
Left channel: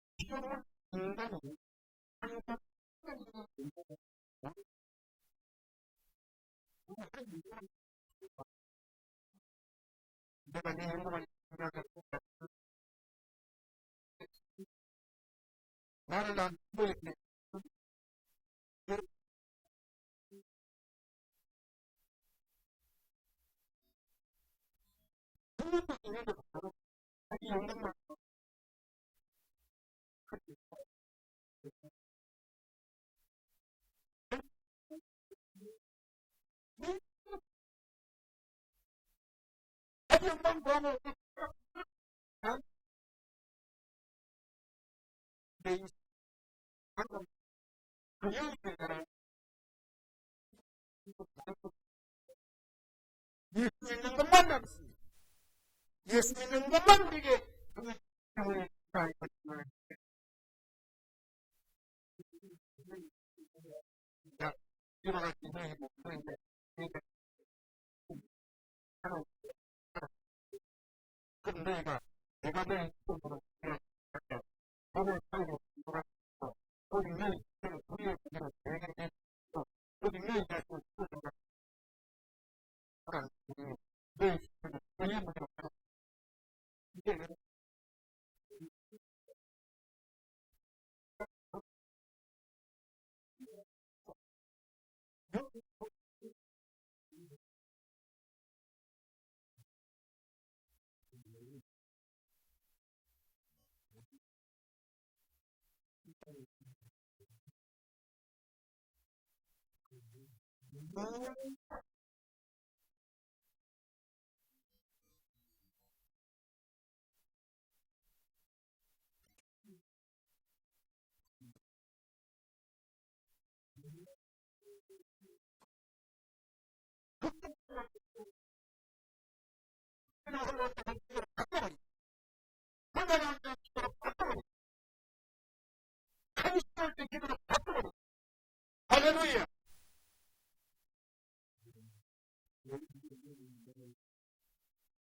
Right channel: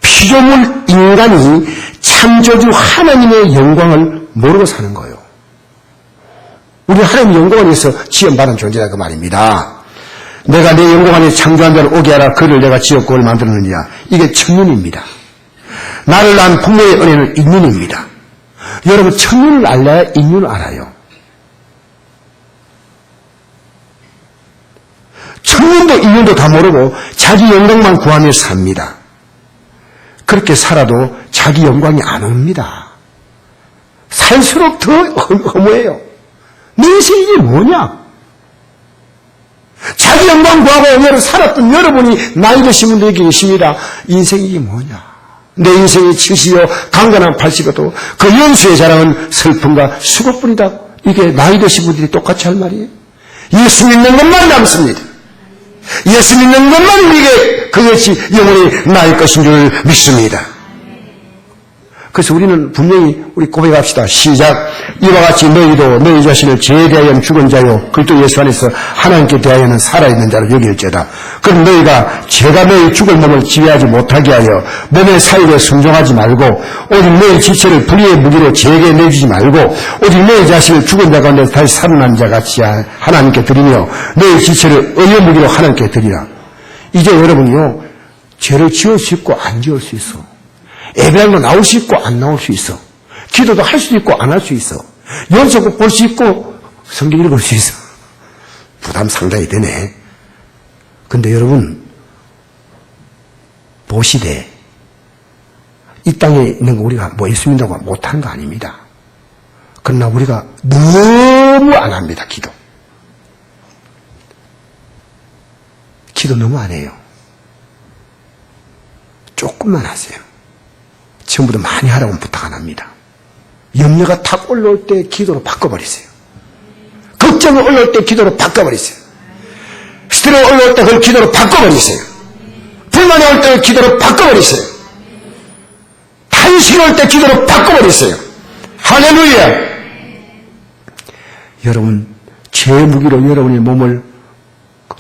피조물 인간이 창조주 하나님의 영광을 모르고 사는 거예요. 우리 하나님의 영광을 위해서 지원받은 존재다 그 말입니다. 내가 내 영광 안에 창조한 자를 오게 하라. 그를 내가 지었고 그를 만들었느니라. 이게 천륜입니다. 나를 낳은 부모의 은혜는 인륜입니다. 여러분 천륜을 알아야 인륜을 알아요. 천년도 인연도 다 모르고 자기 영광만 구하며 삽니다. 그렇게 살아도 자기 영광이 안 옵니다. 살수록 더 허무해요. 내 인생이 이게 뭐냐? 자기 영광 구하고 오늘 살았던 여러분이 나이 드신 분들이 계십니다. 인생이 이게 뭐냐? 내 인생이 70여 강건한 80여도 그 연수의 자랑은 슬픔과 수고뿐이다. 이게 나이 드신 분들이 똑같이 할 말이에요. 예수 믿는 것만 남습니다. 예수 믿는 것만 우리에게 그것이 영원히 나을 것인 줄 믿습니다. 그래서 우리는 분명히 우리 고백합시다. 시작. 이와 같이 너희도 너희 자신을 죄에 대하여 죽은 자요 그리스도 예수 안에서 하나님께 대하여는 살아있는 자로 여길지어다. 그럼 너희가 죄가 너희 죽을 몸을 지배하지 못하게 하여 몸의 사유에 순종하지 말고 오직 너희 지체를 불의의 무기로 죄에게 내주지 말고 오직 너희 자신을 죽은 자 가운데 다시 살아난 자 같이 하나님께 드리며 너희 지체를 의의 무기로 하나님께 드리라. 이제 여러분이요 죄를 지을 수 있고 안 지을 수 있어. 예배당도 나올 수 있고 안 나올 수 있어. 기도도 할 수 있고 안 할 수 있어. 연속곡 볼 수 있고 성경 읽을 수 있어. 부담 상당히 되네. 근데 여러분 보시되 이 땅에 있는 거 우리가 뭐 예수 믿는다고 못하는 거 아닙니다. 그러나 우리가 너무 안 합니다. 기도 너무 안 해요. 조금만 하세요. 전부터 많이 하라고 부탁 안 합니다. 염려가 탁 올라올 때 기도로 바꿔버리세요. 걱정이 올라올 때 기도로 바꿔버리세요. 스트레스가 올라올 때 그걸 기도로 바꿔버리세요. 불만이 올 때 기도로 바꿔버리세요. 탄식이 올 때 기도로 바꿔버리세요. 할렐루야. 여러분 죄의 무기로 여러분의 몸을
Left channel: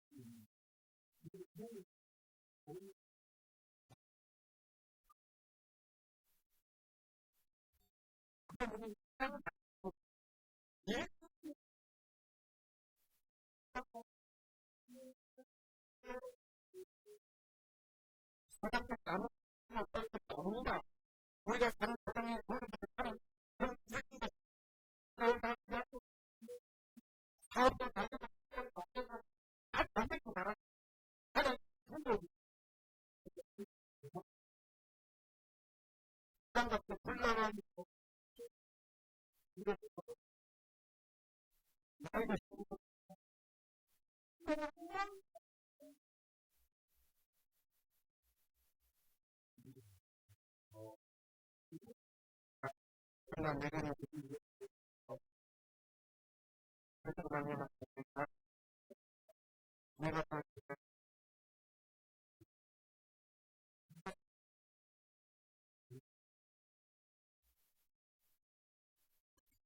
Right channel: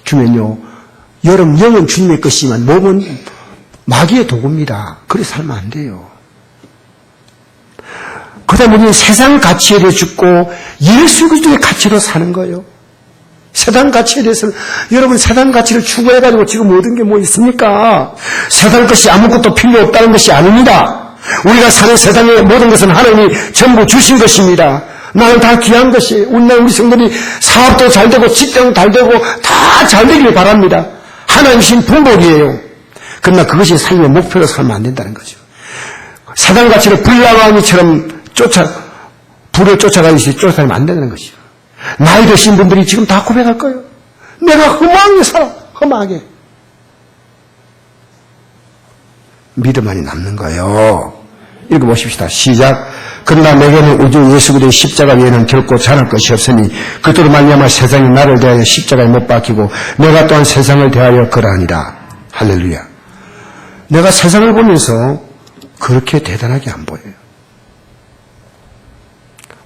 주면요 여러분 영은 주님의 것이지만 몸은 마귀의 도구입니다. 그래 살면 안 돼요. 그 다음에 우리는 세상 가치에 대해 죽고 예수 그리스도의 가치로 사는 거예요. 세상 가치에 대해서는 여러분 세상 가치를 추구해가지고 지금 얻은 게 뭐 있습니까? 세상 것이 아무것도 필요 없다는 것이 아닙니다. 우리가 사는 세상의 모든 것은 하나님이 전부 주신 것입니다. 나는 다 귀한 것이에요. 우리 성도들이 사업도 잘 되고 직장도 잘 되고 다 잘 되길 바랍니다. 하나님 신 풍복이에요. 그러나 그것이 삶의 목표로 살면 안 된다는 거죠. 세상 가치를 불나방이처럼 불을 쫓아가듯이 쫓아가면 안 된다는 것이죠. 나이 드신 분들이 지금 다 고백할 거예요. 내가 허망하게 살아. 허망하게. 믿음만이 남는 거예요. 읽어보십시다. 시작. 그러나 내게는 우주 예수 그리스도의 십자가 외에는 결코 잘할 것이 없으니 그들로 말미암아 세상이 나를 대하여 십자가에 못 박히고 내가 또한 세상을 대하여 그러하니라. 할렐루야. 내가 세상을 보면서 그렇게 대단하게 안 보여요.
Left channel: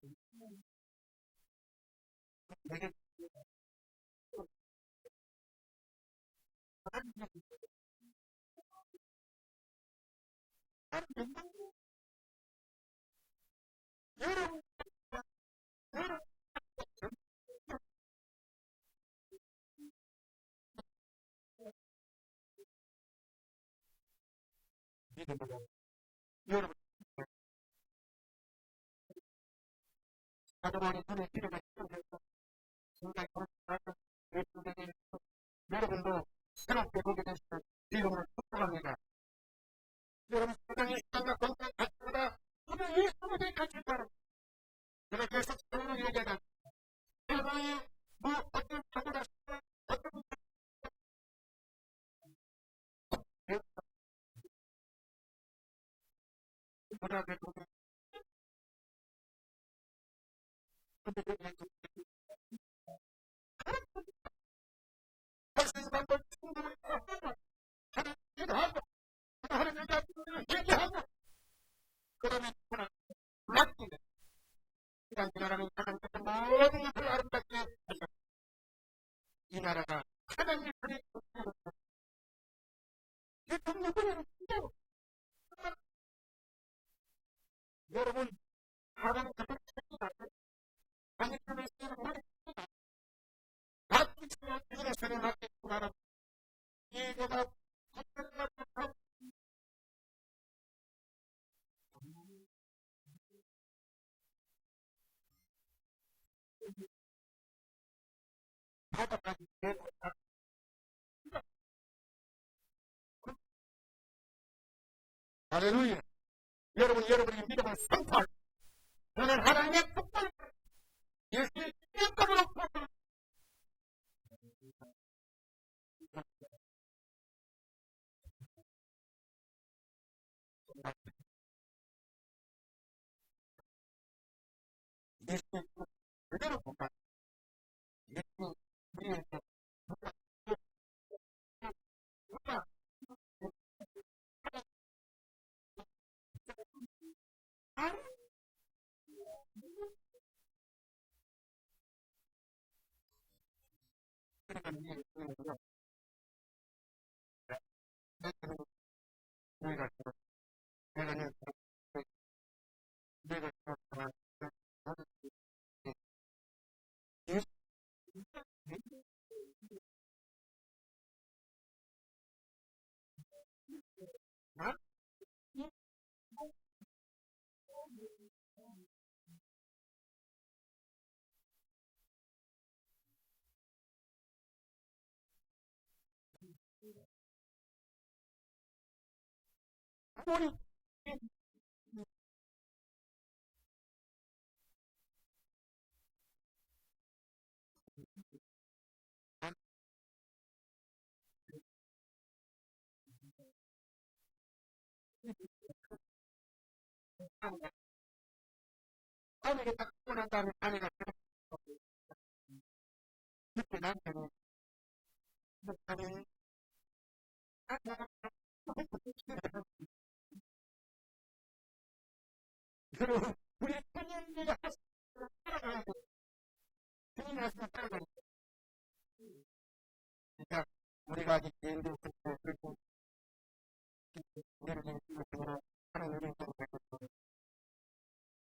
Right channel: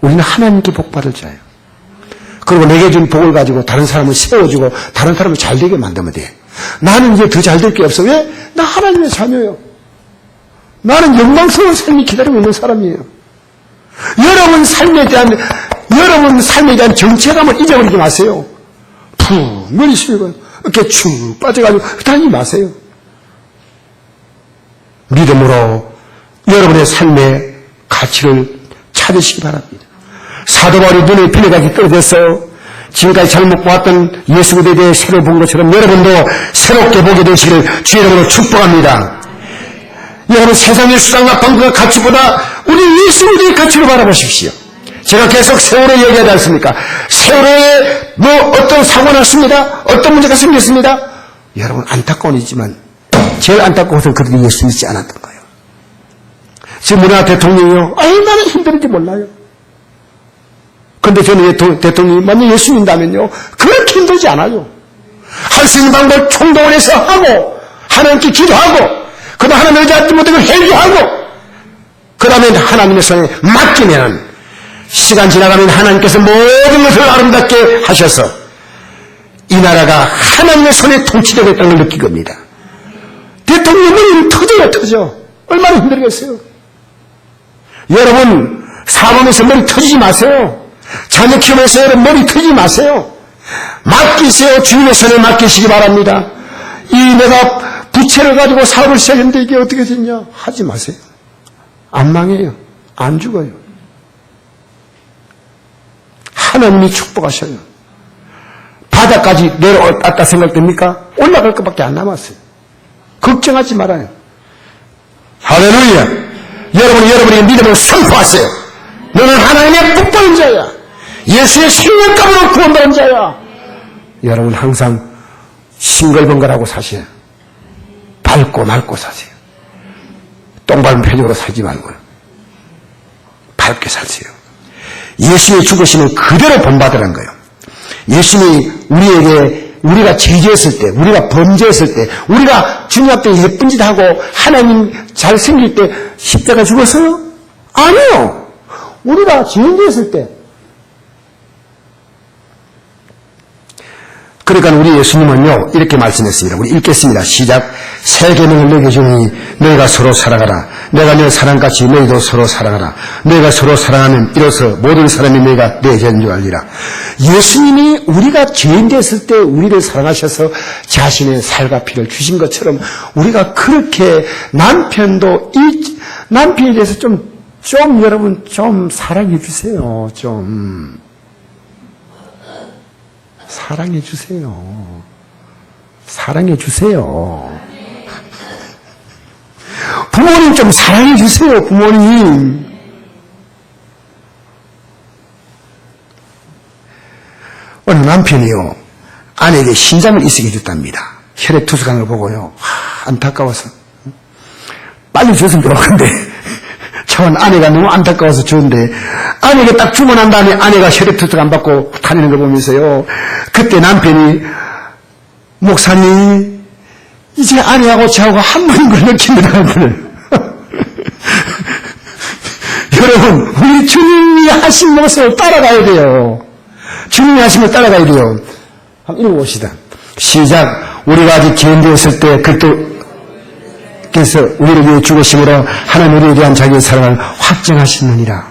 우리는 하나님께 복 받을 자예요. 그리고 내게 준 복을 가지고 다른 사람을 세워주고 다른 사람을 잘 되게 만들면 돼. 나는 이제 더 잘 될 게 없어. 왜? 나 하나님의 자녀예요. 나는 영광스러운 삶이 기다리고 있는 사람이에요. 여러분 삶에 대한 정체감을 잊어버리지 마세요. 푹 머리 숙이고 이렇게 축 빠져가지고 다니지 마세요. 믿음으로 여러분의 삶의 가치를 찾으시기 바랍니다. 사도 바울이 눈에 빌려가기 떨어졌어요. 지금까지 잘못 보았던 예수 그리스도에 대해 새로 본 것처럼 여러분도 새롭게 보게 되시기를 주의 이름으로 축복합니다. 여러분 세상의 수상과 방법과 가치보다 우리 예수 그리스도의 가치로 바라보십시오. 제가 계속 세월호 얘기하지 않습니까? 세월호에 뭐 어떤 사고가 났습니다. 어떤 문제가 생겼습니다. 여러분 안타까운 일이지만 제일 안타까운 것은 그들이 예수 믿지 않았던 거예요. 지금 우리나라 대통령이요. 얼마나 힘든지 몰라요. 그런데 저는 대통령이 만약 예수 믿는다면요. 그렇게 힘들지 않아요. 할 수 있는 방법을 총동원 해서 하고 하나님께 기도하고 그 다음에 하나님의 의지하지 못한 걸 회개하고 그 다음에 하나님의 손에 맡기면 시간 지나가면 하나님께서 모든 것을 아름답게 하셔서 이 나라가 하나님의 손에 통치되고 있다는 걸 느낄 겁니다. 대통령이 머리는 터져. 얼마나 힘들겠어요. 여러분 사업하면서 머리 터지지 마세요. 자녀 키우면서 여러분 머리 터지지 마세요. 맡기세요. 주님의 손에 맡기시기 바랍니다. 내가 부채를 가지고 사업을 시작했는데 이게 어떻게 됐냐 하지 마세요. 안 망해요. 안 죽어요. 하나님이 축복하셔요. 바다까지 내려왔다 생각됩니까? 올라갈 것밖에 안 남았어요. 걱정하지 말아요. 할렐루야. 여러분이 믿음을 선포하세요. 너는 하나님의 복받은 자야. 예수의 생명감으로 구원받은 자야. 여러분 항상 싱글벙글하고 사세요. 밟고 말고 사세요. 똥밟은 표정으로 살지 말고요. 밝게 사세요. 예수의 죽으심은 그대로 본받으라는 거예요. 예수님이 우리가 죄지었을 때, 우리가 범죄했을 때, 우리가 주님 앞에 예쁜 짓 하고 하나님 잘 생길 때 십자가 죽었어요? 아니요. 우리가 죄인되었을 때. 그러니까 우리 예수님은요 이렇게 말씀했습니다. 우리 읽겠습니다. 시작. 새 계명을 너희에게 주니 너희가 서로 사랑하라. 내가 너 사랑같이 너희도 서로 사랑하라. 너희가 서로 사랑하면 이로써 모든 사람이 너희가 내 죄인 줄 알리라. 예수님이 우리가 죄인 됐을 때 우리를 사랑하셔서 자신의 살과 피를 주신 것처럼 우리가 그렇게 남편도 이 남편에 대해서 좀 여러분 좀 사랑해 주세요. 좀 사랑해 주세요. 사랑해 주세요. 부모님 좀 사랑해 주세요. 부모님. 어느 남편이요 아내에게 신장을 이식해 줬답니다. 혈액 투석한 걸 보고요 안타까워서 빨리 줬으면 좋았는데 저는 아내가 너무 안타까워서 줬는데 아내에게 딱 주고 난 다음에 아내가 혈액 투석 안 받고 다니는 걸 보면서요 그때 남편이 목사님 이제 아내하고 저하고 한 분인 걸 느낍니다. 여러분 우리 주님이 하신 모습을 따라가야 돼요. 주님이 하신 걸 따라가야 돼요. 한번 읽어봅시다. 시작. 우리가 아직 죄인되었을 때 그리스도께서 우리를 위해 죽으심으로 하나님 우리에 대한 자기의 사랑을 확증하시느니라.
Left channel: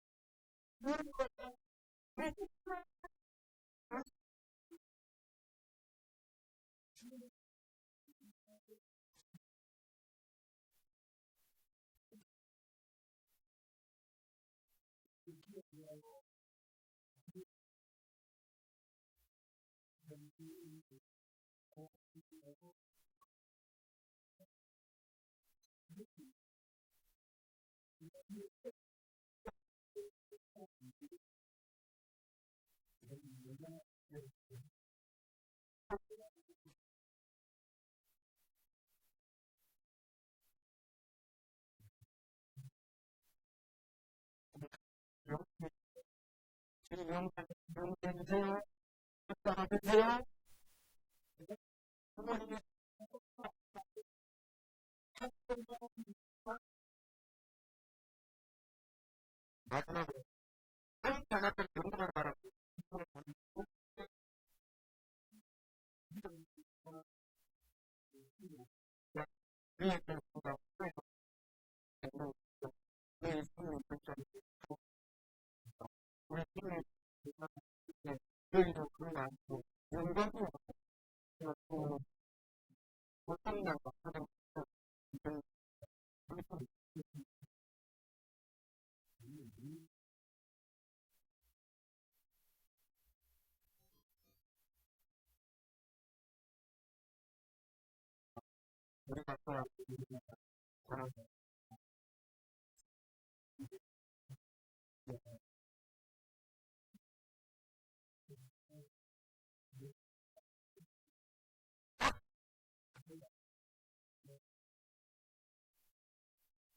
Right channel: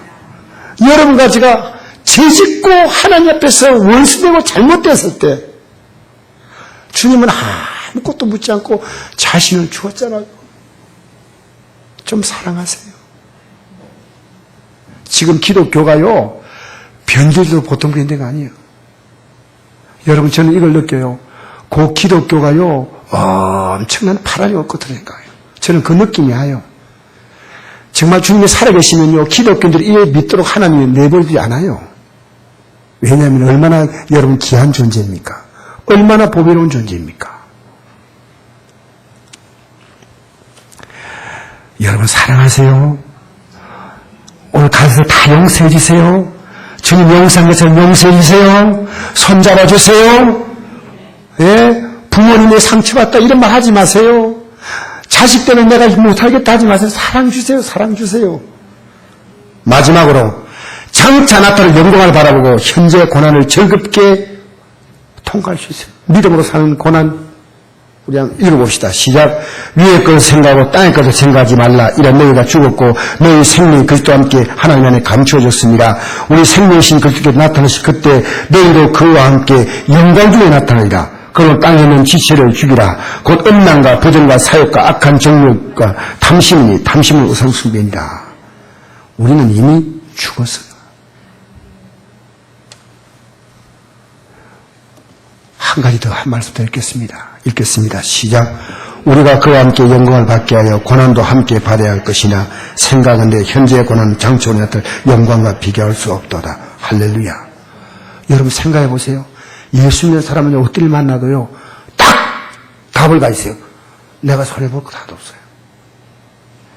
여러분과 제가 죄짓고 하나님 앞에서 원수되고 잘못됐을 때 주님은 아무것도 묻지 않고 자신을 주었잖아요. 좀 사랑하세요. 지금 기독교가요 변질도 보통 변대가 아니에요. 여러분 저는 이걸 느껴요. 그 기독교가요 엄청난 파란이 없거든요. 저는 그 느낌이 와요. 정말 주님이 살아계시면요 기독교인들이 이에 믿도록 하나님이 내버리지 않아요. 왜냐하면 얼마나 여러분 귀한 존재입니까? 얼마나 보배로운 존재입니까? 여러분 사랑하세요. 오늘 가서 다 용서해 주세요. 주님 용서한 것처럼 용서해 주세요. 손잡아 주세요. 예? 부모님의 상처받다 이런 말 하지 마세요. 자식 때문에 내가 못하겠다 하지 마세요. 사랑 주세요. 사랑 주세요. 마지막으로 장차 나타날 영광을 바라보고 현재의 고난을 즐겁게 통과할 수 있어요. 믿음으로 사는 고난 우리 한번 읽어봅시다. 시작. 위의 것을 생각하고 땅의 것을 생각하지 말라. 이런 너희가 죽었고 너희 생명이 그리스도와 함께 하나님 안에 감추어졌습니다. 우리 생명이신 그리스도께 나타나시 그때 너희도 그와 함께 영광 중에 나타나리라. 그러면 땅에 있는 지체를 죽이라. 곧 음란과 부정과 사욕과 악한 정욕과 탐심이니 탐심은 우상숭배니라. 우리는 이미 죽었어요. 한 가지 더 한 말씀 더 읽겠습니다. 시작. 우리가 그와 함께 영광을 받게 하여 고난도 함께 받아야 할 것이나 생각은데 현재의 고난은 장초에 나타날 영광과 비교할 수 없도다. 할렐루야. 여러분 생각해 보세요. 예수 믿는 사람은 어딜 만나도요 딱 답을 가 있어요. 내가 손해볼 거 하나도 없어요.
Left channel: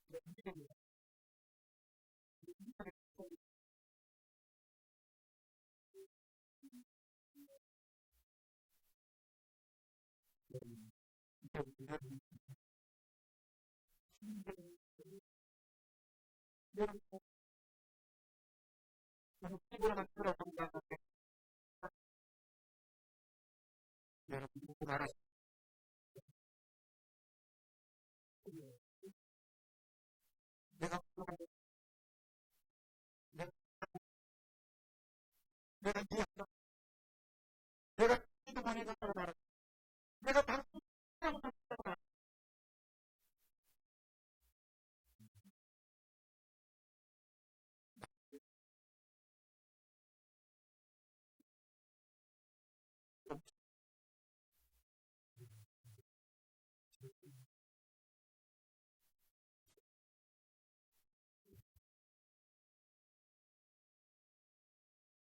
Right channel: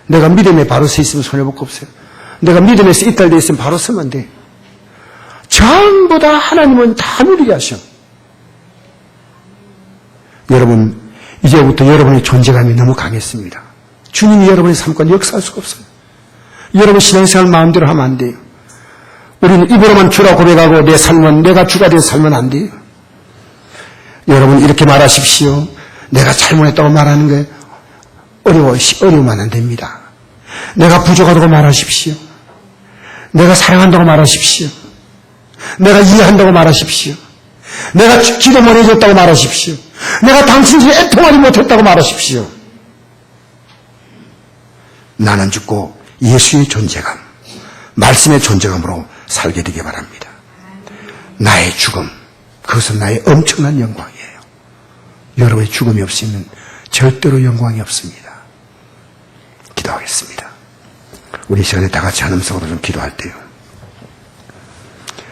내가 믿음에 바로 서 있으면 손해볼 거 없어요. 내가 믿음에서 이탈되어 있으면 바로 서면 돼. 전부 다 하나님은 다 누리게 하셔. 여러분 이제부터 여러분의 존재감이 너무 강했습니다. 주님이 여러분의 삶과 역사할 수가 없어요. 여러분 신앙생활 마음대로 하면 안 돼요. 우리는 입으로만 주라 고백하고 내 삶은 내가 주가 되어 살면 안 돼요. 여러분 이렇게 말하십시오. 내가 잘못했다고 말하는 게 어려우면 안 됩니다. 내가 부족하다고 말하십시오. 내가 사랑한다고 말하십시오. 내가 이해한다고 말하십시오. 내가 기도 못 해줬다고 말하십시오. 내가 당신에게 애통하지 못했다고 말하십시오. 나는 죽고 예수의 존재감, 말씀의 존재감으로 살게 되기 바랍니다. 나의 죽음, 그것은 나의 엄청난 영광이에요. 여러분의 죽음이 없으면 절대로 영광이 없습니다. 기도하겠습니다. 우리 이 시간에 다 같이 한음성으로 좀 기도할 때요.